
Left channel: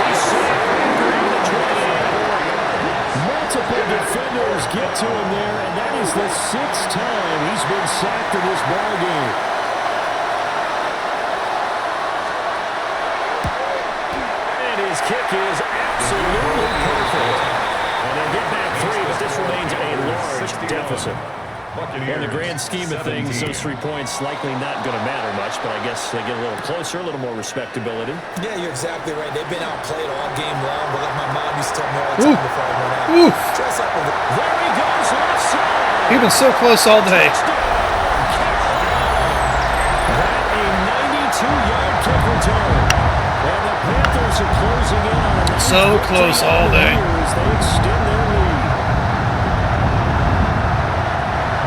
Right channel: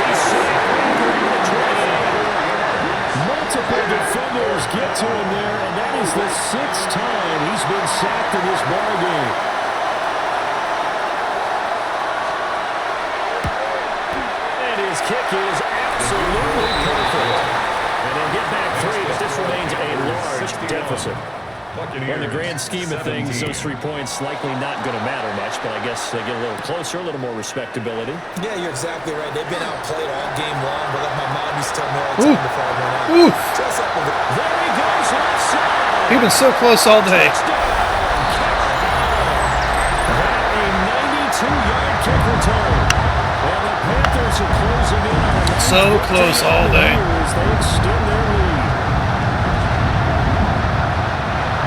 He's sacked around the 28. Multiple defenders get to him there, and that is the 6th time he's been sacked in this ball game. His kick is absolutely perfect. And they'll get back 3, but this remains a large deficit. Well, in the grand scheme of things, those 3 points likely not going to matter much, but I guess they get a little closer, a little more respectability. Yeah, you're exactly right. They've been outplayed all game long, but like my mom used to tell me all the time before I went out. Dress up with it. There he goes, left side. You've been so close all day. That a 92-yard kick return. And the Panthers are closing in on a So close all day. as they extend their lead.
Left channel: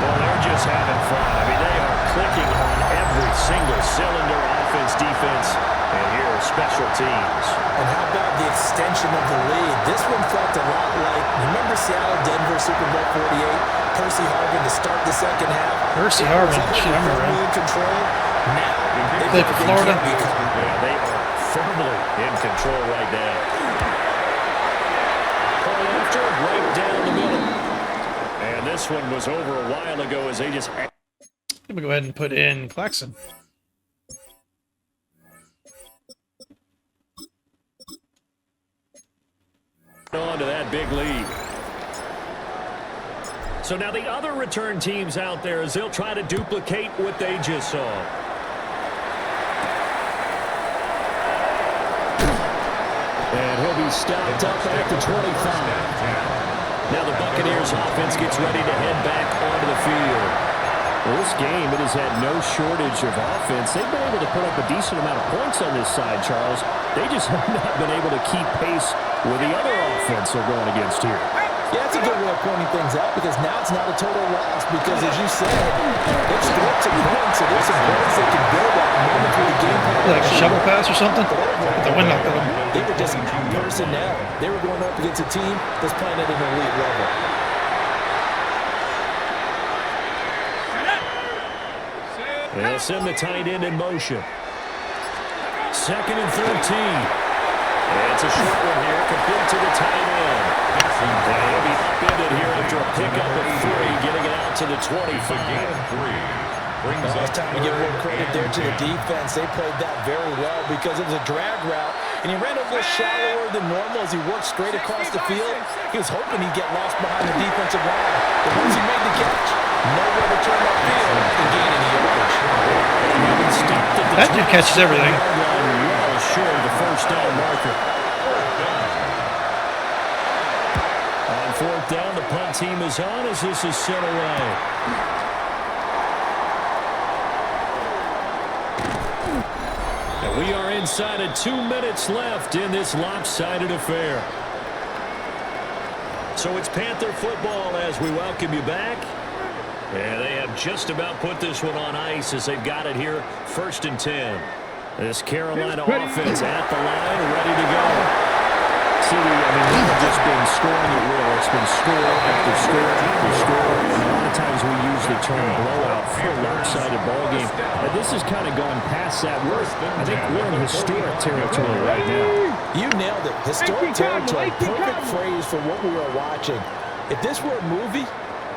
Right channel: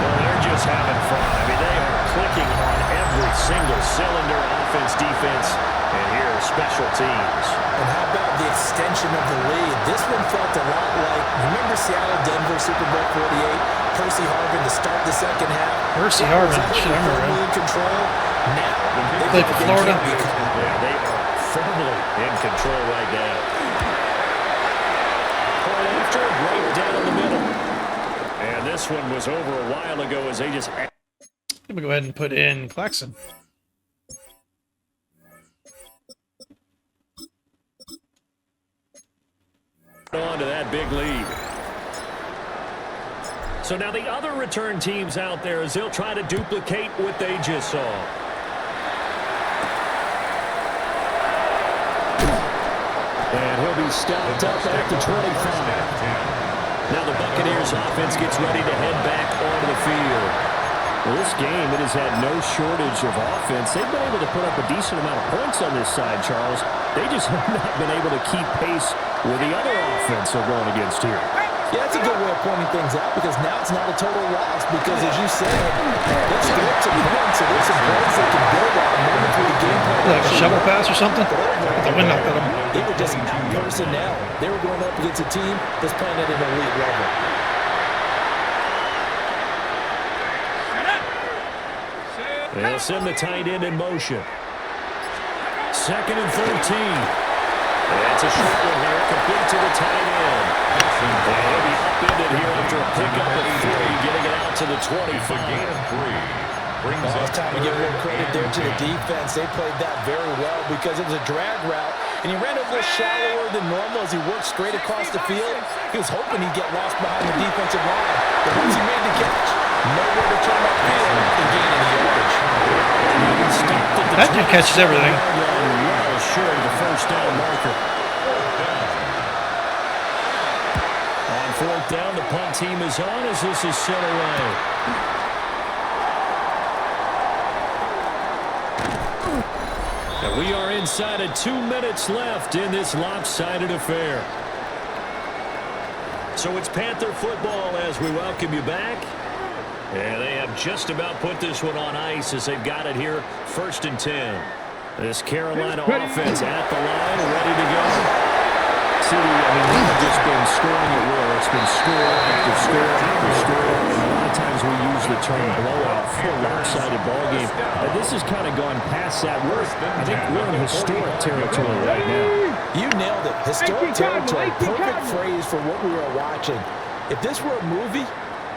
Well, they're just having fun. I mean, they are clicking on every single cylinder, offense, defense, and here are special teams. And how about the extension of the lead? This one felt a lot like, remember Seattle, Denver, Super Bowl 48? Percy Harvin to start the second half. Percy Harvin, shit, I remember him. In control. Now, they Played for Florida. Yeah, they are firmly in control right now. Point after, right down the middle. And this one was over a while ago as they just... Let me go ahead and put in Claxton. on to that big lead. So now the other return teams out there as they'll try to duplicate what they just saw. And he'll be stopped up at the 25. Now the Buccaneers offense gets ready to head back onto the field. Well, this game, it has had no shortage of offense. They've been able to put up a decent amount of points on this side, Charles. They just have not been able to keep pace with the other offense they're going against here. Yeah, that's a good way of pointing things out because now it's not a total loss because, as you said, they've scored some points, so there's some points they can build on momentary game plan. Like a shovel pass or something? But the wind knocked at them. They were just out personnel. They were going up against a team that's playing at an elite level. They'll send the tight end in motion. 2nd and 13. It's a short one here, complete to the tight end. And he'll be upended here after a pickup of 3, getting it out to the 25. It's time to give a little credit there to the defense. They played that very well because it was a drag route, and he ran a little shallower than normal as he worked straight across the field. He was hoping he'd get lost behind the defensive line, but once he made the catch, nowhere to turn upfield and gain any yardage. That dude catches everything. Well short of the first down marker. On 4th down, the punt team is on as this is sent away. And we are inside of 2 minutes left in this lopsided affair. So it's Panther football as we welcome you back. And they have just about put this one on ice as they've got it here, 1st and 10. This Carolina offense at the line, ready to go. See, we've just been scoring at will. It's been score after score after score. And a lot of times we use the term blowout for a lopsided ball game. But this has kind of gone past that. I think we're in historic territory right now. You nailed it. Historic territory. Perfect phrase for what we are watching. If this were a movie,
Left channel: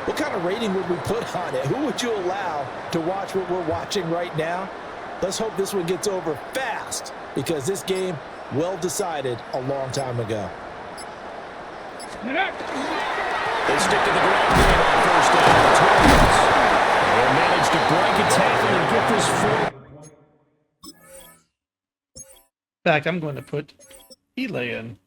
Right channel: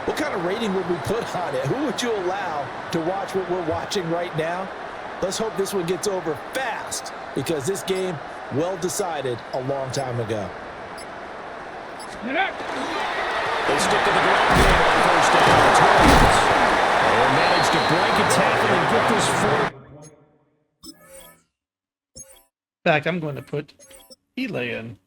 what kind of rating would we put on it? Who would you allow to watch what we're watching right now? Let's hope this one gets over fast because this game, well decided a long time ago. They stick to the ground game on 1st down. The Twins. They'll manage to break a tackle and get this 40. In fact, I'm going to put Eli in.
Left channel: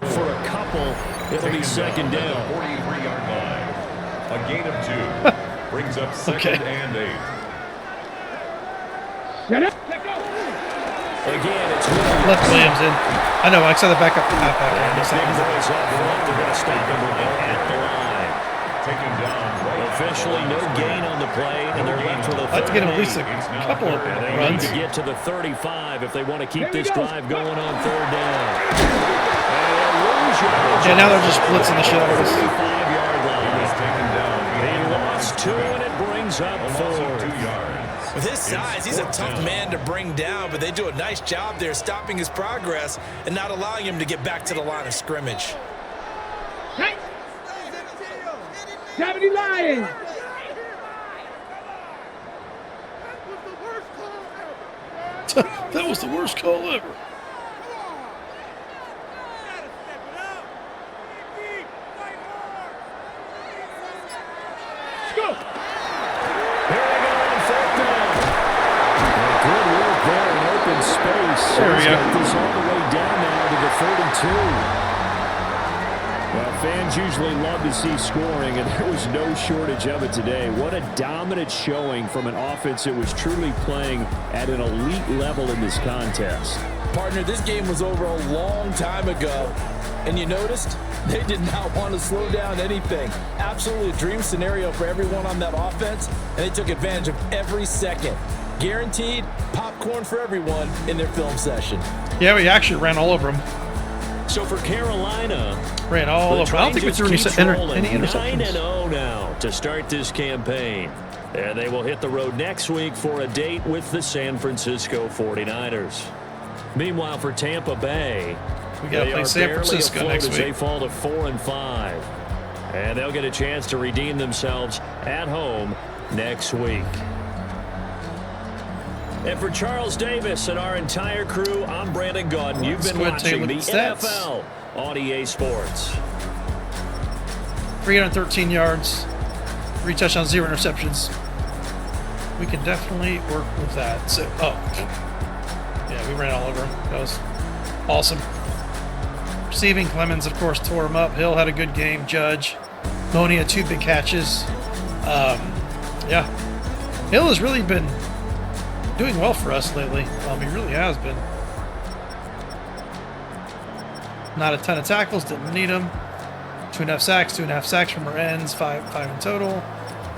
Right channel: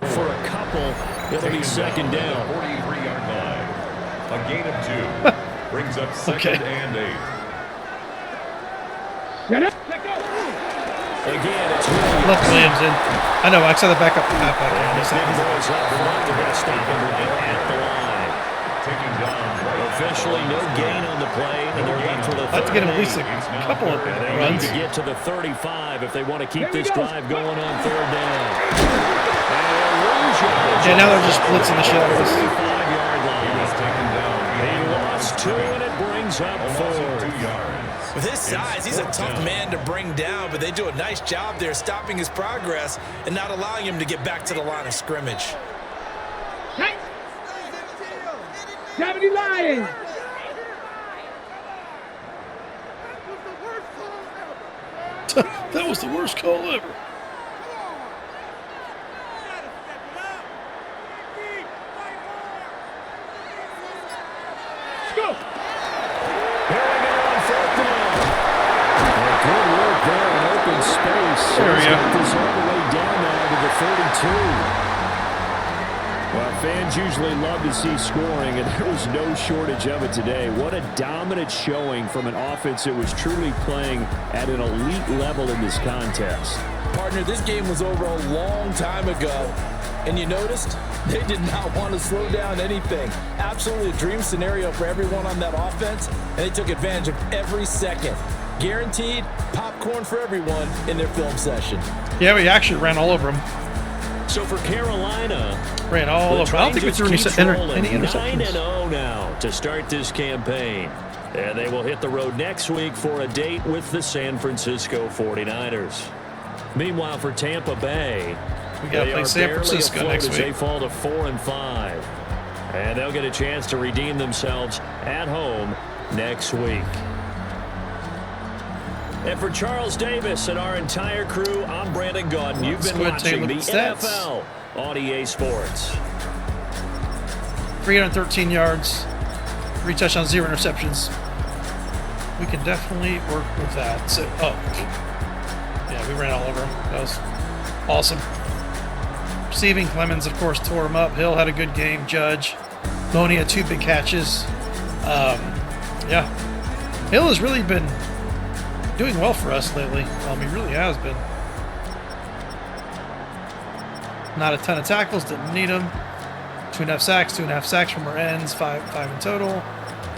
For a couple, it'll be 2nd down. 43-yard line. A gain of 2 brings up 2nd and 8. Again, it's Williams. Left Williams in. I know, I saw the backup halfback. And the He's big like, boys up front. They're going to stop him right at the line. Taken down right Officially no gain on the play, and they're left with a I'd like to get him at least 38. a couple of And they'll runs. need to get to the 35 if they want to keep this drive going on third down. And they'll lose yardage. Yeah, now they're just blitzing the shit out of us. 35-yard line. was taken down. He lost 2, and it brings up A loss of 2 4. yards. With his size, he's a tough man to bring down, but they do a nice job there stopping his progress and not allowing him to get back to the line of scrimmage. Hey! 70 Lions! That was the worst call ever. Go! Here we go on fourth down. Well, good work there in open space. There we He's go. got this all the way down now to the 32. Well, fans usually love to see scoring, and there was no shortage of it today. What a dominant showing from an offense that was truly playing at an elite level in this contest. Partner, this game was over a long time ago, and you noticed they did not want to slow down anything. Absolutely a dream scenario for everyone on that offense, and they took advantage of every second. Guaranteed popcorn for everyone in their film session. Yeah, we actually ran all over him. So for Carolina, Ran all the over. I don't think we train threw just any, keeps rolling. any interceptions. 9-0 now to start this campaign. And they will hit the road next week for a date with the San Francisco 49ers. Meanwhile, for Tampa Bay, We got to they play are San barely Francisco afloat next as they week. fall to 4-5. And they'll get a chance to redeem themselves at home next week. And for Charles Davis and our entire crew, I'm Brandon Gaudin. You've Let's been go ahead and take a watching look the at the stats. NFL on EA Sports. 313 yards, 3 touchdowns, 0 interceptions. We can definitely work with that. So, yeah, we ran all over him. That was awesome. Receiving, Clemens, of course, tore him up. Hill had a good game. Judge, Boney had 2 big catches. Yeah, Hill has really been doing well for us lately. He really has been. Not a ton of tackles, didn't need them. 2.5 sacks, 2.5 sacks from our ends, 5 in total.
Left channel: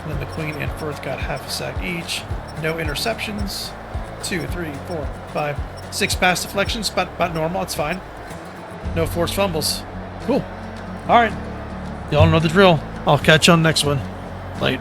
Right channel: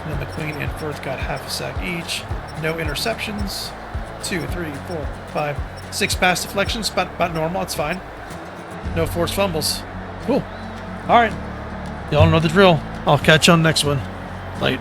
And then McQueen and Firth got half a sack each. No interceptions. 2, 3, 4, 5, 6 pass deflections, about normal, it's fine. No forced fumbles. Cool. All right. Y'all know the drill. I'll catch you on the next one. Late.